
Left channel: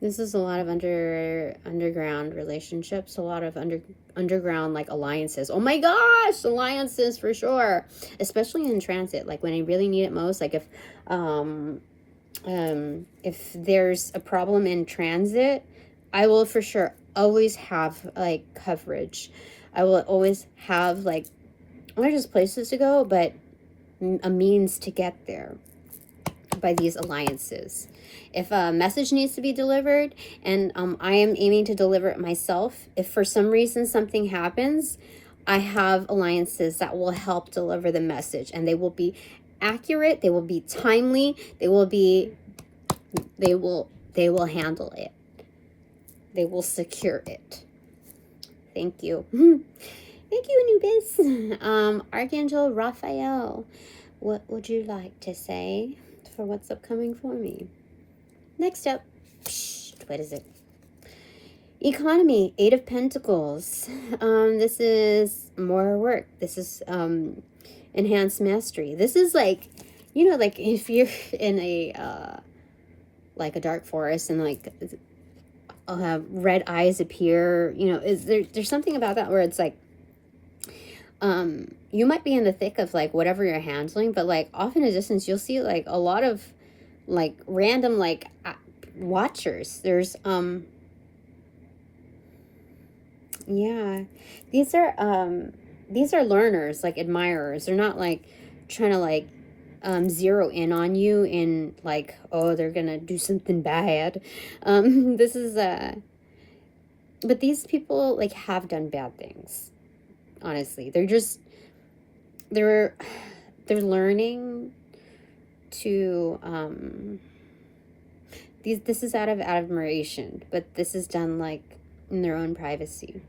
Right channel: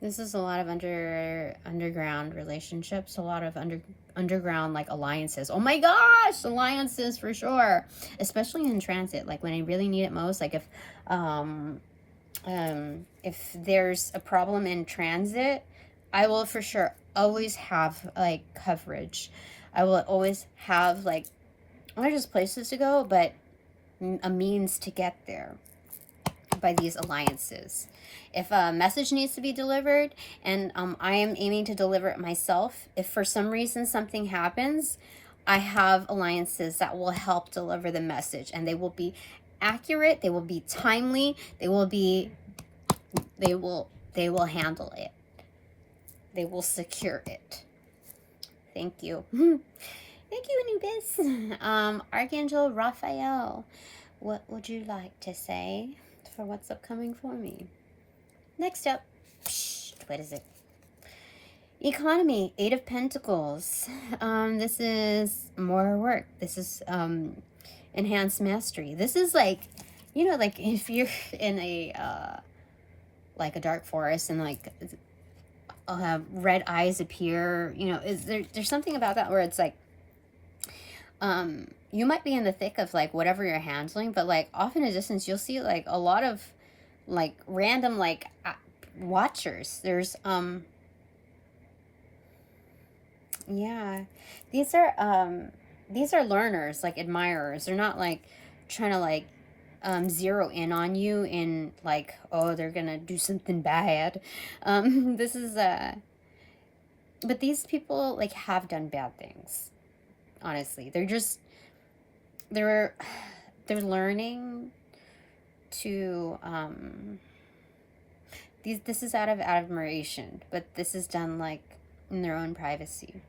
This is a lot of underground relationships, a lot of underground like alliances. Oh my gosh, alliances for sure, especially in transit. Like when I really need it most. Like if there's a problem in transit, I will for sure always have like coverage. I will always have like not just places to go, but a means to get there. by these alliances. If a message needs to be delivered, and I am aiming to deliver it myself, if for some reason something happens, I have alliances that will help deliver the message, and they will be accurate, they will be timely, they will handle it. They will secure it. Thank you. Thank you, Anubis. Archangel Raphael, what would you like to say for what's upcoming for me? Next up, what is it? Economy, 8 of Pentacles. This is more work. This is enhanced mastery. This is like, you know, like if you're in a like a dark forest and like I'll have red eyes appear, you know, there's something about that where it's like you might be in the thick of like whatever you're handling, but like off in a distance you'll see like a lot of like random like watchers. There's yeah, these are learners, like admirers. They're not like trying to like zero in on you in like, oh, they're gonna do something bad. This is but these people like have done bad things. Honestly, they're learning to this is out of admiration, but this is done like in their own privacy.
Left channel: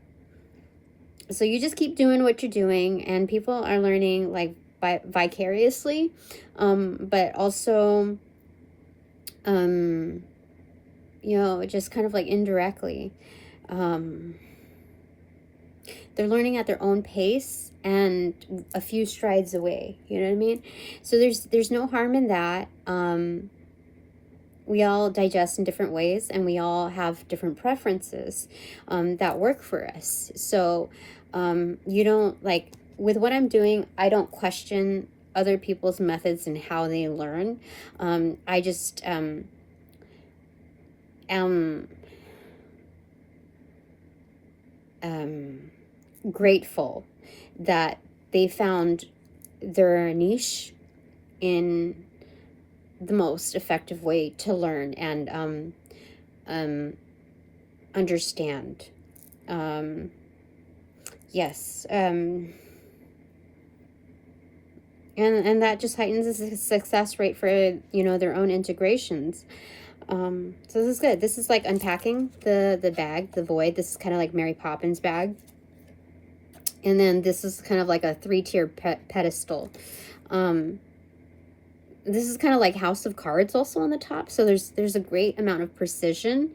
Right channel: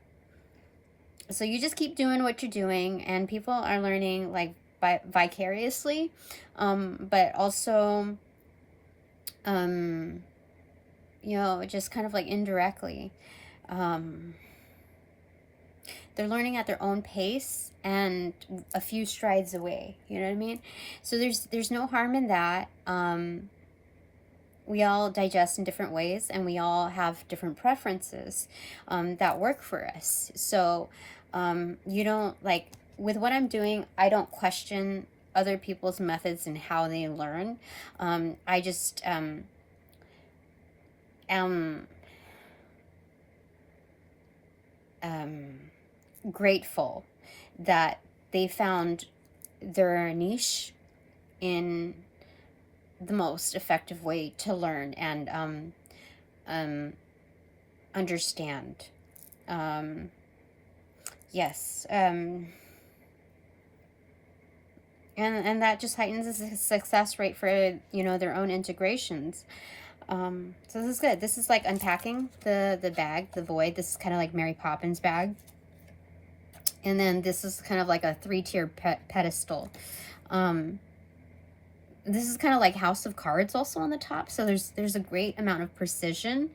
So you just keep doing what you're doing, and people are learning like vicariously, but also you know, just kind of like indirectly. They're learning at their own pace and a few strides away, you know what I mean? So there's no harm in that. We all digest in different ways, and we all have different preferences that work for us. So you don't, like, with what I'm doing, I don't question other people's methods and how they learn. I just am grateful that they found their niche in the most effective way to learn and understand. Yes. And that just heightens the success rate for, you know, their own integrations. So this is good. This is like unpacking the bag, the void. This is kind of like Mary Poppins bag. And then this is kind of like a 3-tier pedestal. This is kind of like House of Cards also on the top. So there's a great amount of precision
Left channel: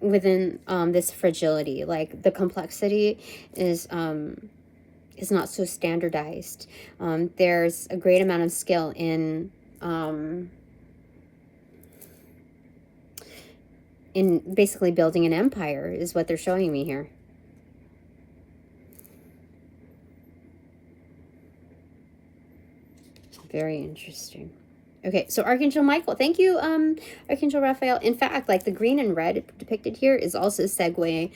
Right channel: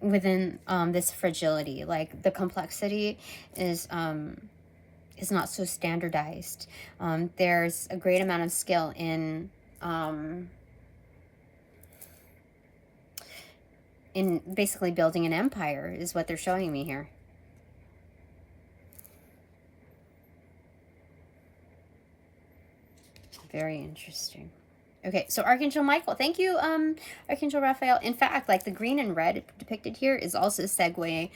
within this fragility. Like the complexity is not so standardized. There's a great amount of skill in basically building an empire is what they're showing me here. Very interesting. Okay, so Archangel Michael, thank you, Archangel Raphael. In fact, like the green and red depicted here is also a segue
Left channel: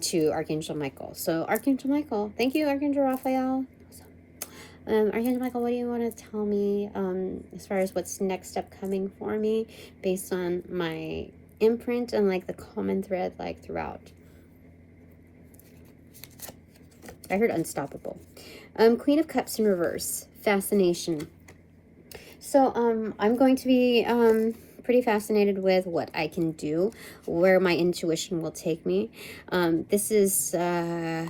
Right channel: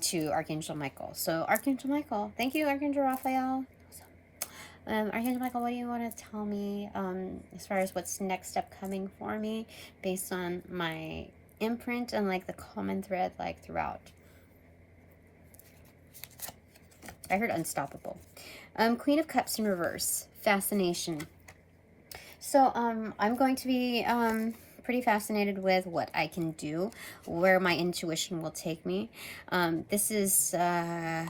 to Archangel Michael. So Archangel Michael, thank you, Archangel Raphael. Archangel Michael, what do you want to tell me as far as what's next upcoming for me based on my imprint and like the common thread like throughout? I heard unstoppable. Queen of Cups in reverse, fascination. So I'm going to be pretty fascinated with what I can do, where my intuition will take me. This is a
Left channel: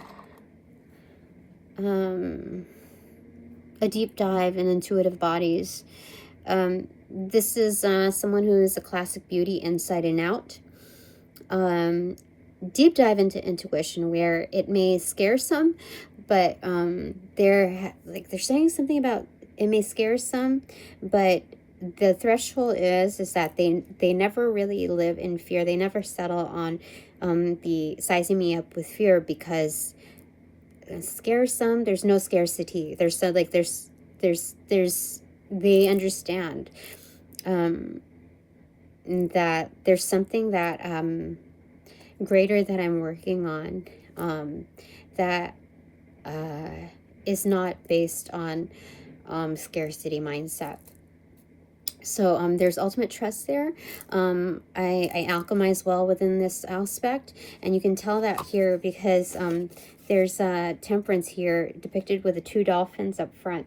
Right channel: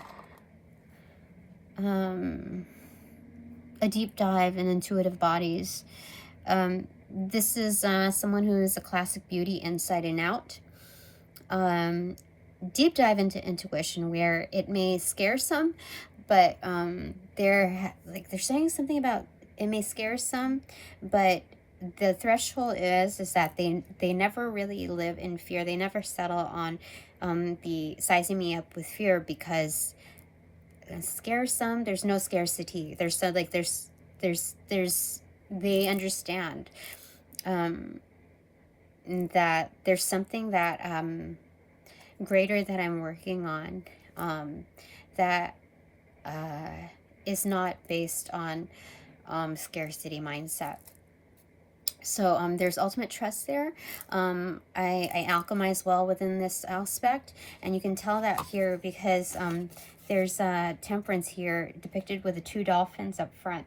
deep dive in intuitive bodies. This is someone who is a classic beauty inside and out. Deep dive into intuition where it may scare some, but they're saying something about it may scare some, but the threshold is that they never really live in fear. They never settle on the sizing me up with fear, because scare some, there's no scarcity. There's so like there's they understand that there's something that greater that I'm working on that is not based on scarcity mindset. So there's ultimate trust there. I alchemize well within this aspect, and you can tell that here because there's temperance here depicted with the 2 dolphins up front.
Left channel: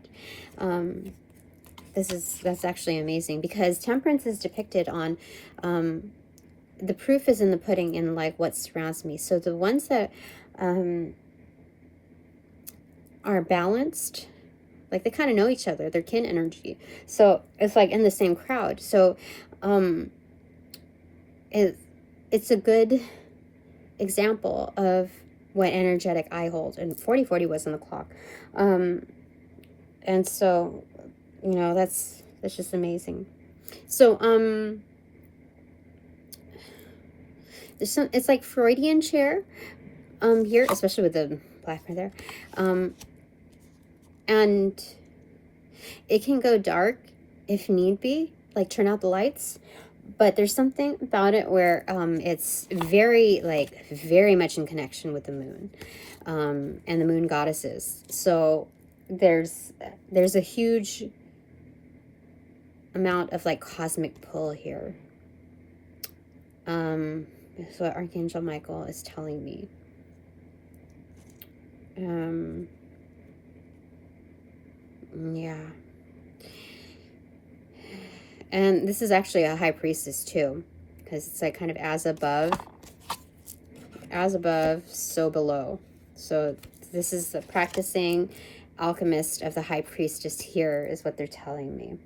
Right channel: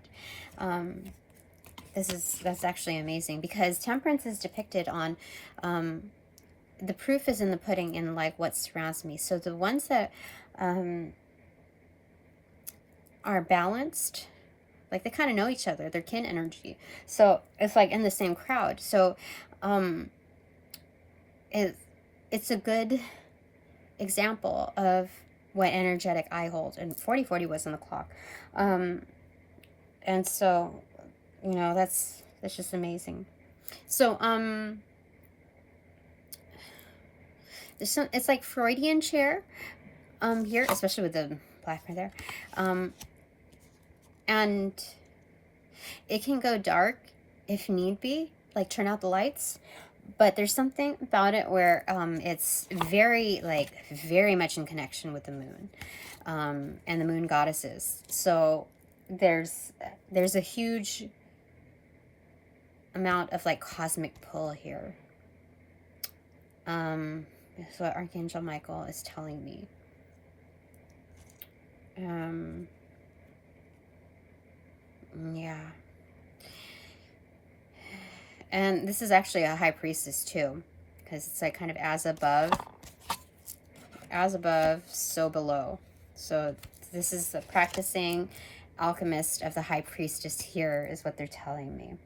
That's actually amazing because temperance is depicted on the proof is in the pudding in like what surrounds me. So the ones that are balanced, like they kind of know each other, they're kin energy, so it's like in the same crowd. So it's a good example of what energetic I hold, and 4040 was on the clock. And so, you know, that's just amazing. So it's like Freudian chair here, especially with the black right there. And it can go dark if need be, like turn out the lights. But there's something about it where it's very much in connection with the moon and the moon goddesses. So there's a huge amount of like cosmic pull here. That's what Archangel Michael is telling me. Yeah. And this is actually a high priestess too, because it's like kind of as above, so below. So this is the practicing alchemist of the high priestess here is what they're telling me.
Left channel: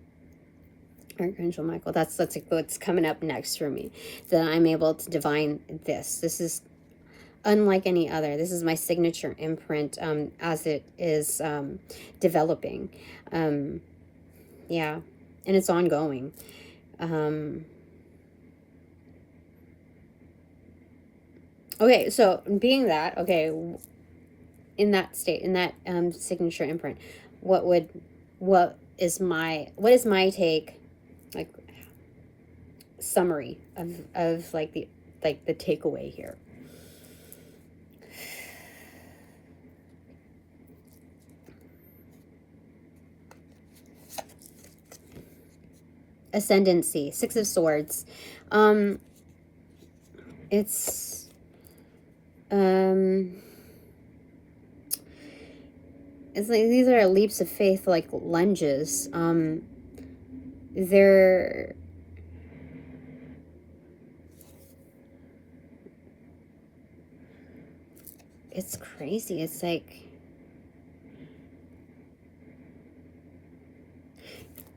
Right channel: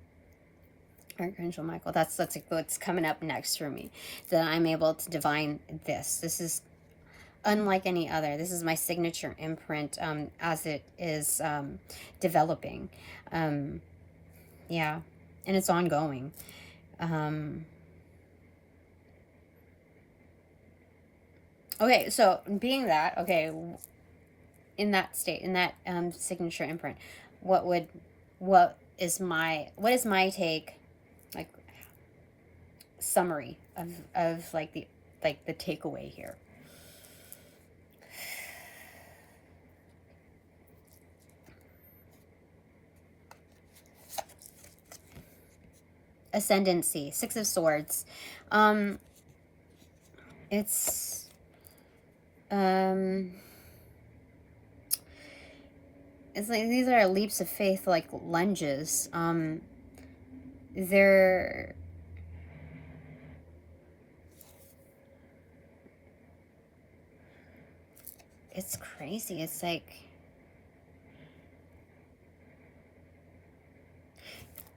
Archangel Michael, that's what's coming up next for me, that I'm able to divine this. This is unlike any other. This is my signature imprint as it is developing. Yeah, and it's ongoing. Okay, so being that, okay, in that state, in that signature imprint, what is my take, like summary of like the takeaway here? Ascendancy, 6 of Swords. It's like these are leaps of faith, like lunges. They're it's crazy. It's like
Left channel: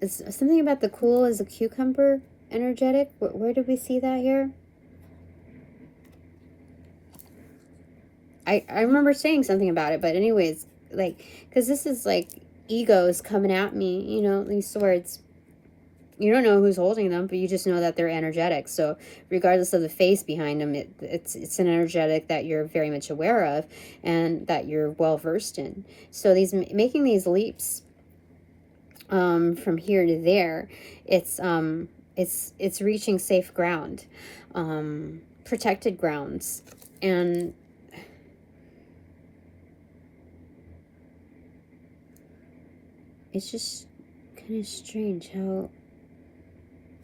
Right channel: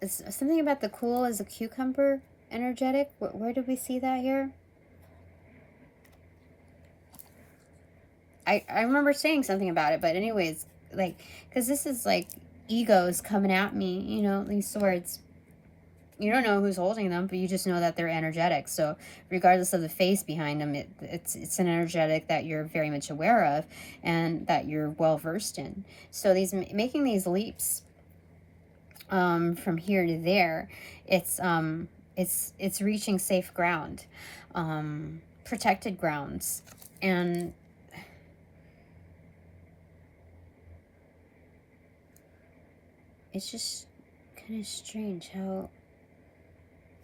it's something about the cool as a cucumber energetic. Where did we see that here? I remember saying something about it, but anyways, like, because this is like egos coming at me, you know, these swords. You don't know who's holding them, but you just know that they're energetic. So regardless of the face behind them, it's an energetic that you're very much aware of and that you're well versed in. So making these leaps from here to there, it's reaching safe ground, protected grounds, and it's just kind of strange how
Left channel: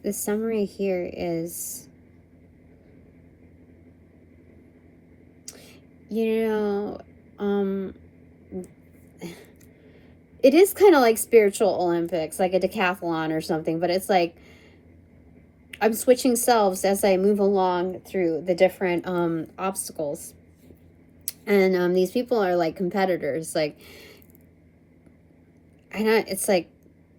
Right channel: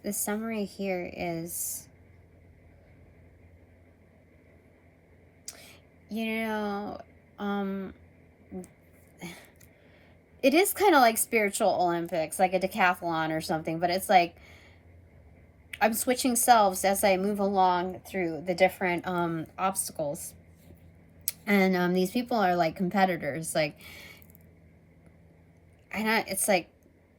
the summary here is, you know, it is kind of like spiritual Olympics, like a decathlon or something, but it's like I'm switching selves as I move along through the different obstacles. And these people are like competitors, like, it's like,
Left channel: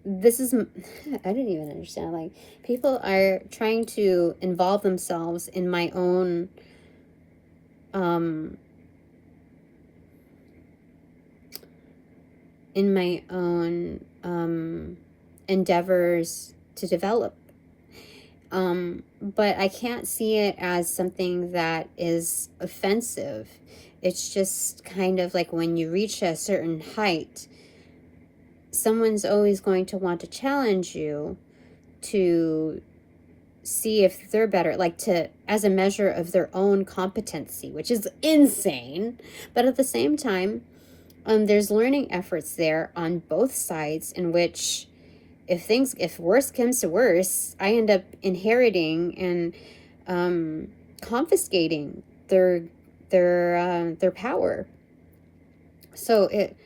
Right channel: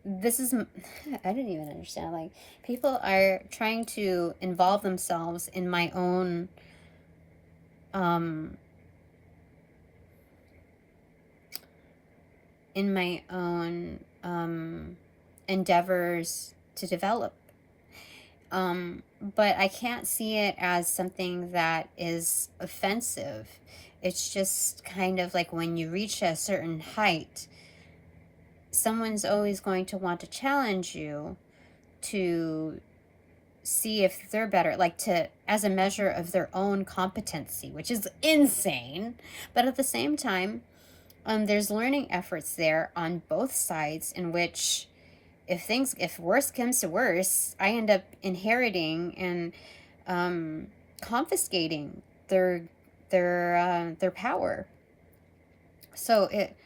this is, I don't even understand, like, people are trying to involve themselves in my own, endeavors to develop. But I can't see it as something that is offensive. It's just kind of like when you reach a certain height, someone's always going to want to challenge you to see if they're better, like as a measure of their own competency, which is insane. But at the same time, there's learning efforts there on both sides in which if worse comes to worse, I end up inheriting and confiscating their power. So it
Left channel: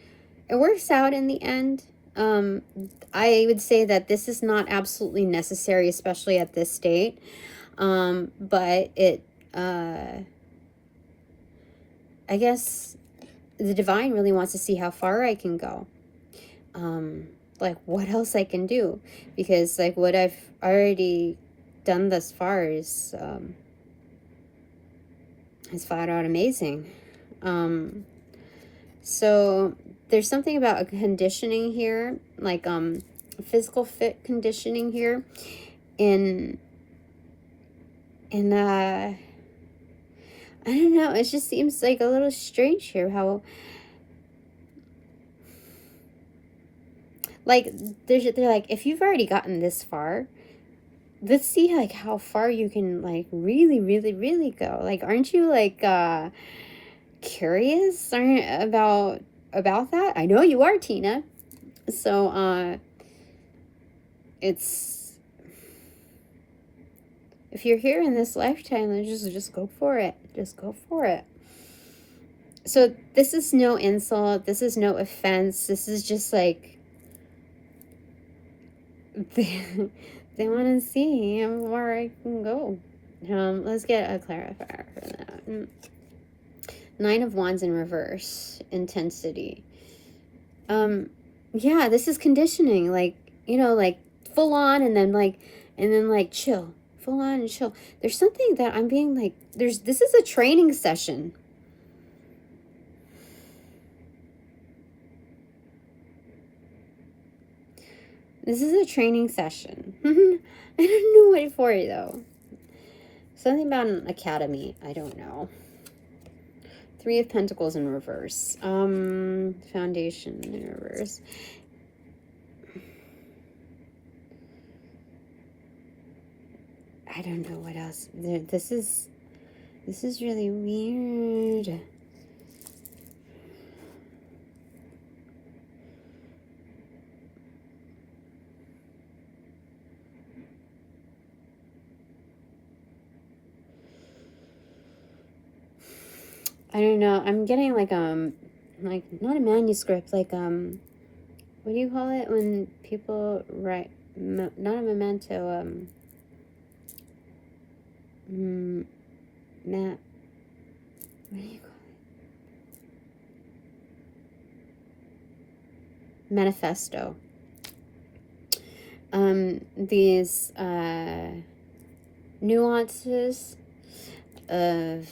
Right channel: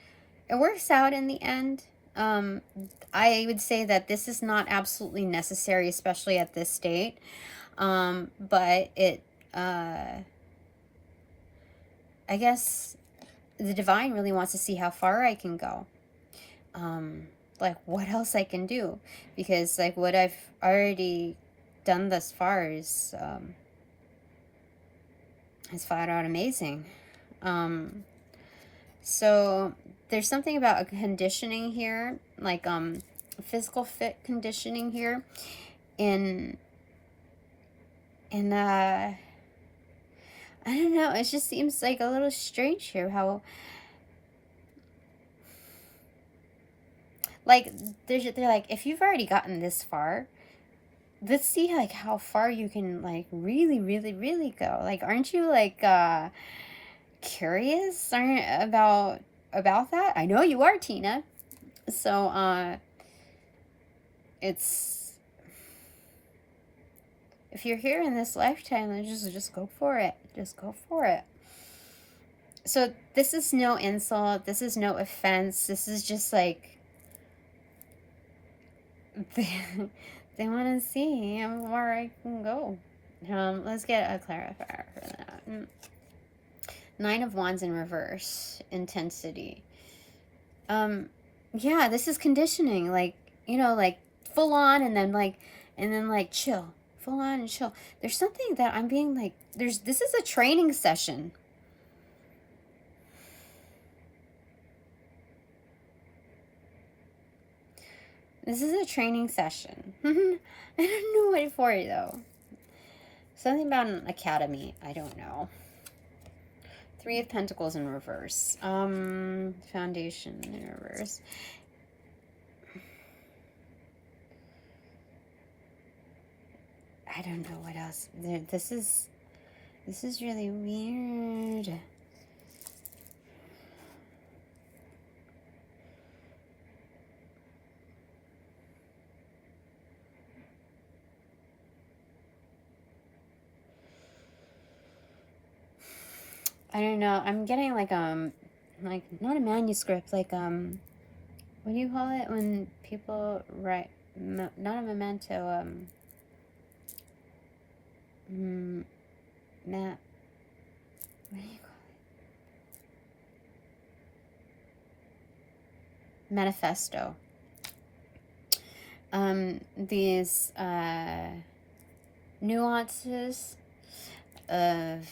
works out in the end. I would say that this is not absolutely necessary, especially at this state. But it, I guess the divine really wants to see how far I can go. Like what else I can do, because like what I've already done thus far is flat out amazing. So there's something about a conditioning here, like physical fit conditioning here in I don't know, it just seems like a little strange here how like they're like, if you've already gotten this far, let's see like how far you can like really go. Like, aren't you like curious about that? I know you are, Tina. So it's, if you're here in this lifetime, then just go for it. Just go for it. So this is no insult, this is no offense, this is just like they want to see how far I can go. Let's get a clarifier for that. 9 of Wands in reverse, intensity. Yeah, this is conditioning, like, you know, like full on and then like chill, full on and chill. There's something that I'm being like, this is a training session. This is a training session. I don't know what for though. Something about an academy. I don't know. 3 of Pentacles in reverse. Foundation in reverse. I don't know what else. This is really weird. I don't know. I'm getting like not a manuscript, like what do you call it when people write? Not a memento. What do you call it? Manifesto. These nuances of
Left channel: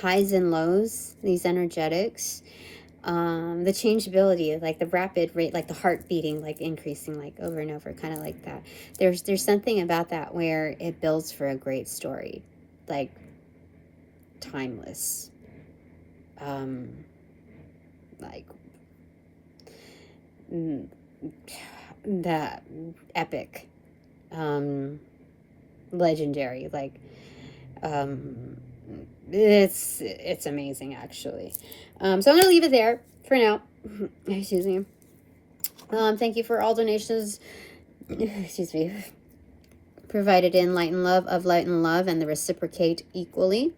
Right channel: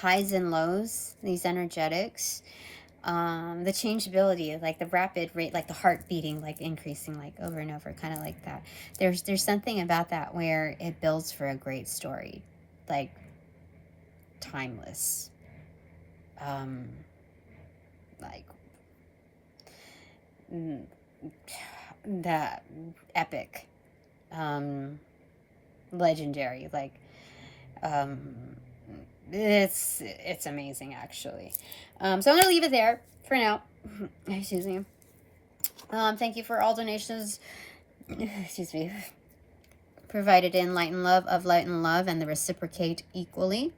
highs and lows, these energetics, the changeability, like the rapid rate, like the heart beating, like increasing, like over and over, kind of like that. There's something about that where it builds for a great story, like timeless, like that epic, legendary, like it's amazing actually. So I'm gonna leave it there for now. Excuse me. Thank you for all donations, excuse me, provided in light and love, of light and love, and the reciprocate equally.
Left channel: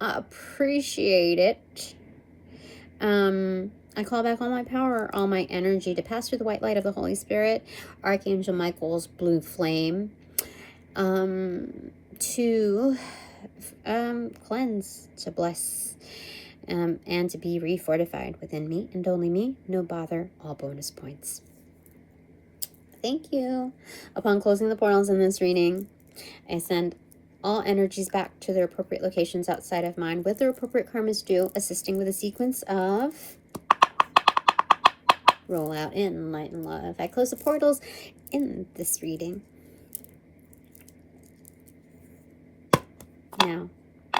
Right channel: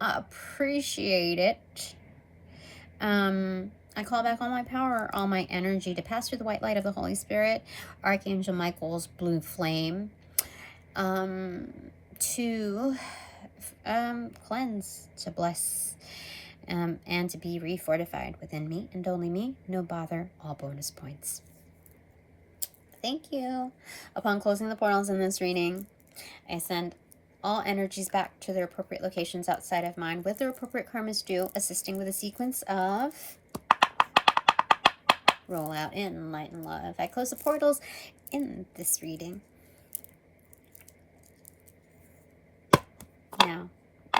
Appreciate it. I call back all my power, all my energy to pass through the white light of the Holy Spirit, Archangel Michael's blue flame, to cleanse, to bless, and to be refortified within me and only me. No bother, all bonus points. Thank you. Upon closing the portals in this reading, I send all energies back to their appropriate locations outside of mine with their appropriate karmas due, assisting with a sequence of roll out in light and love. I close the portals in this reading. Now.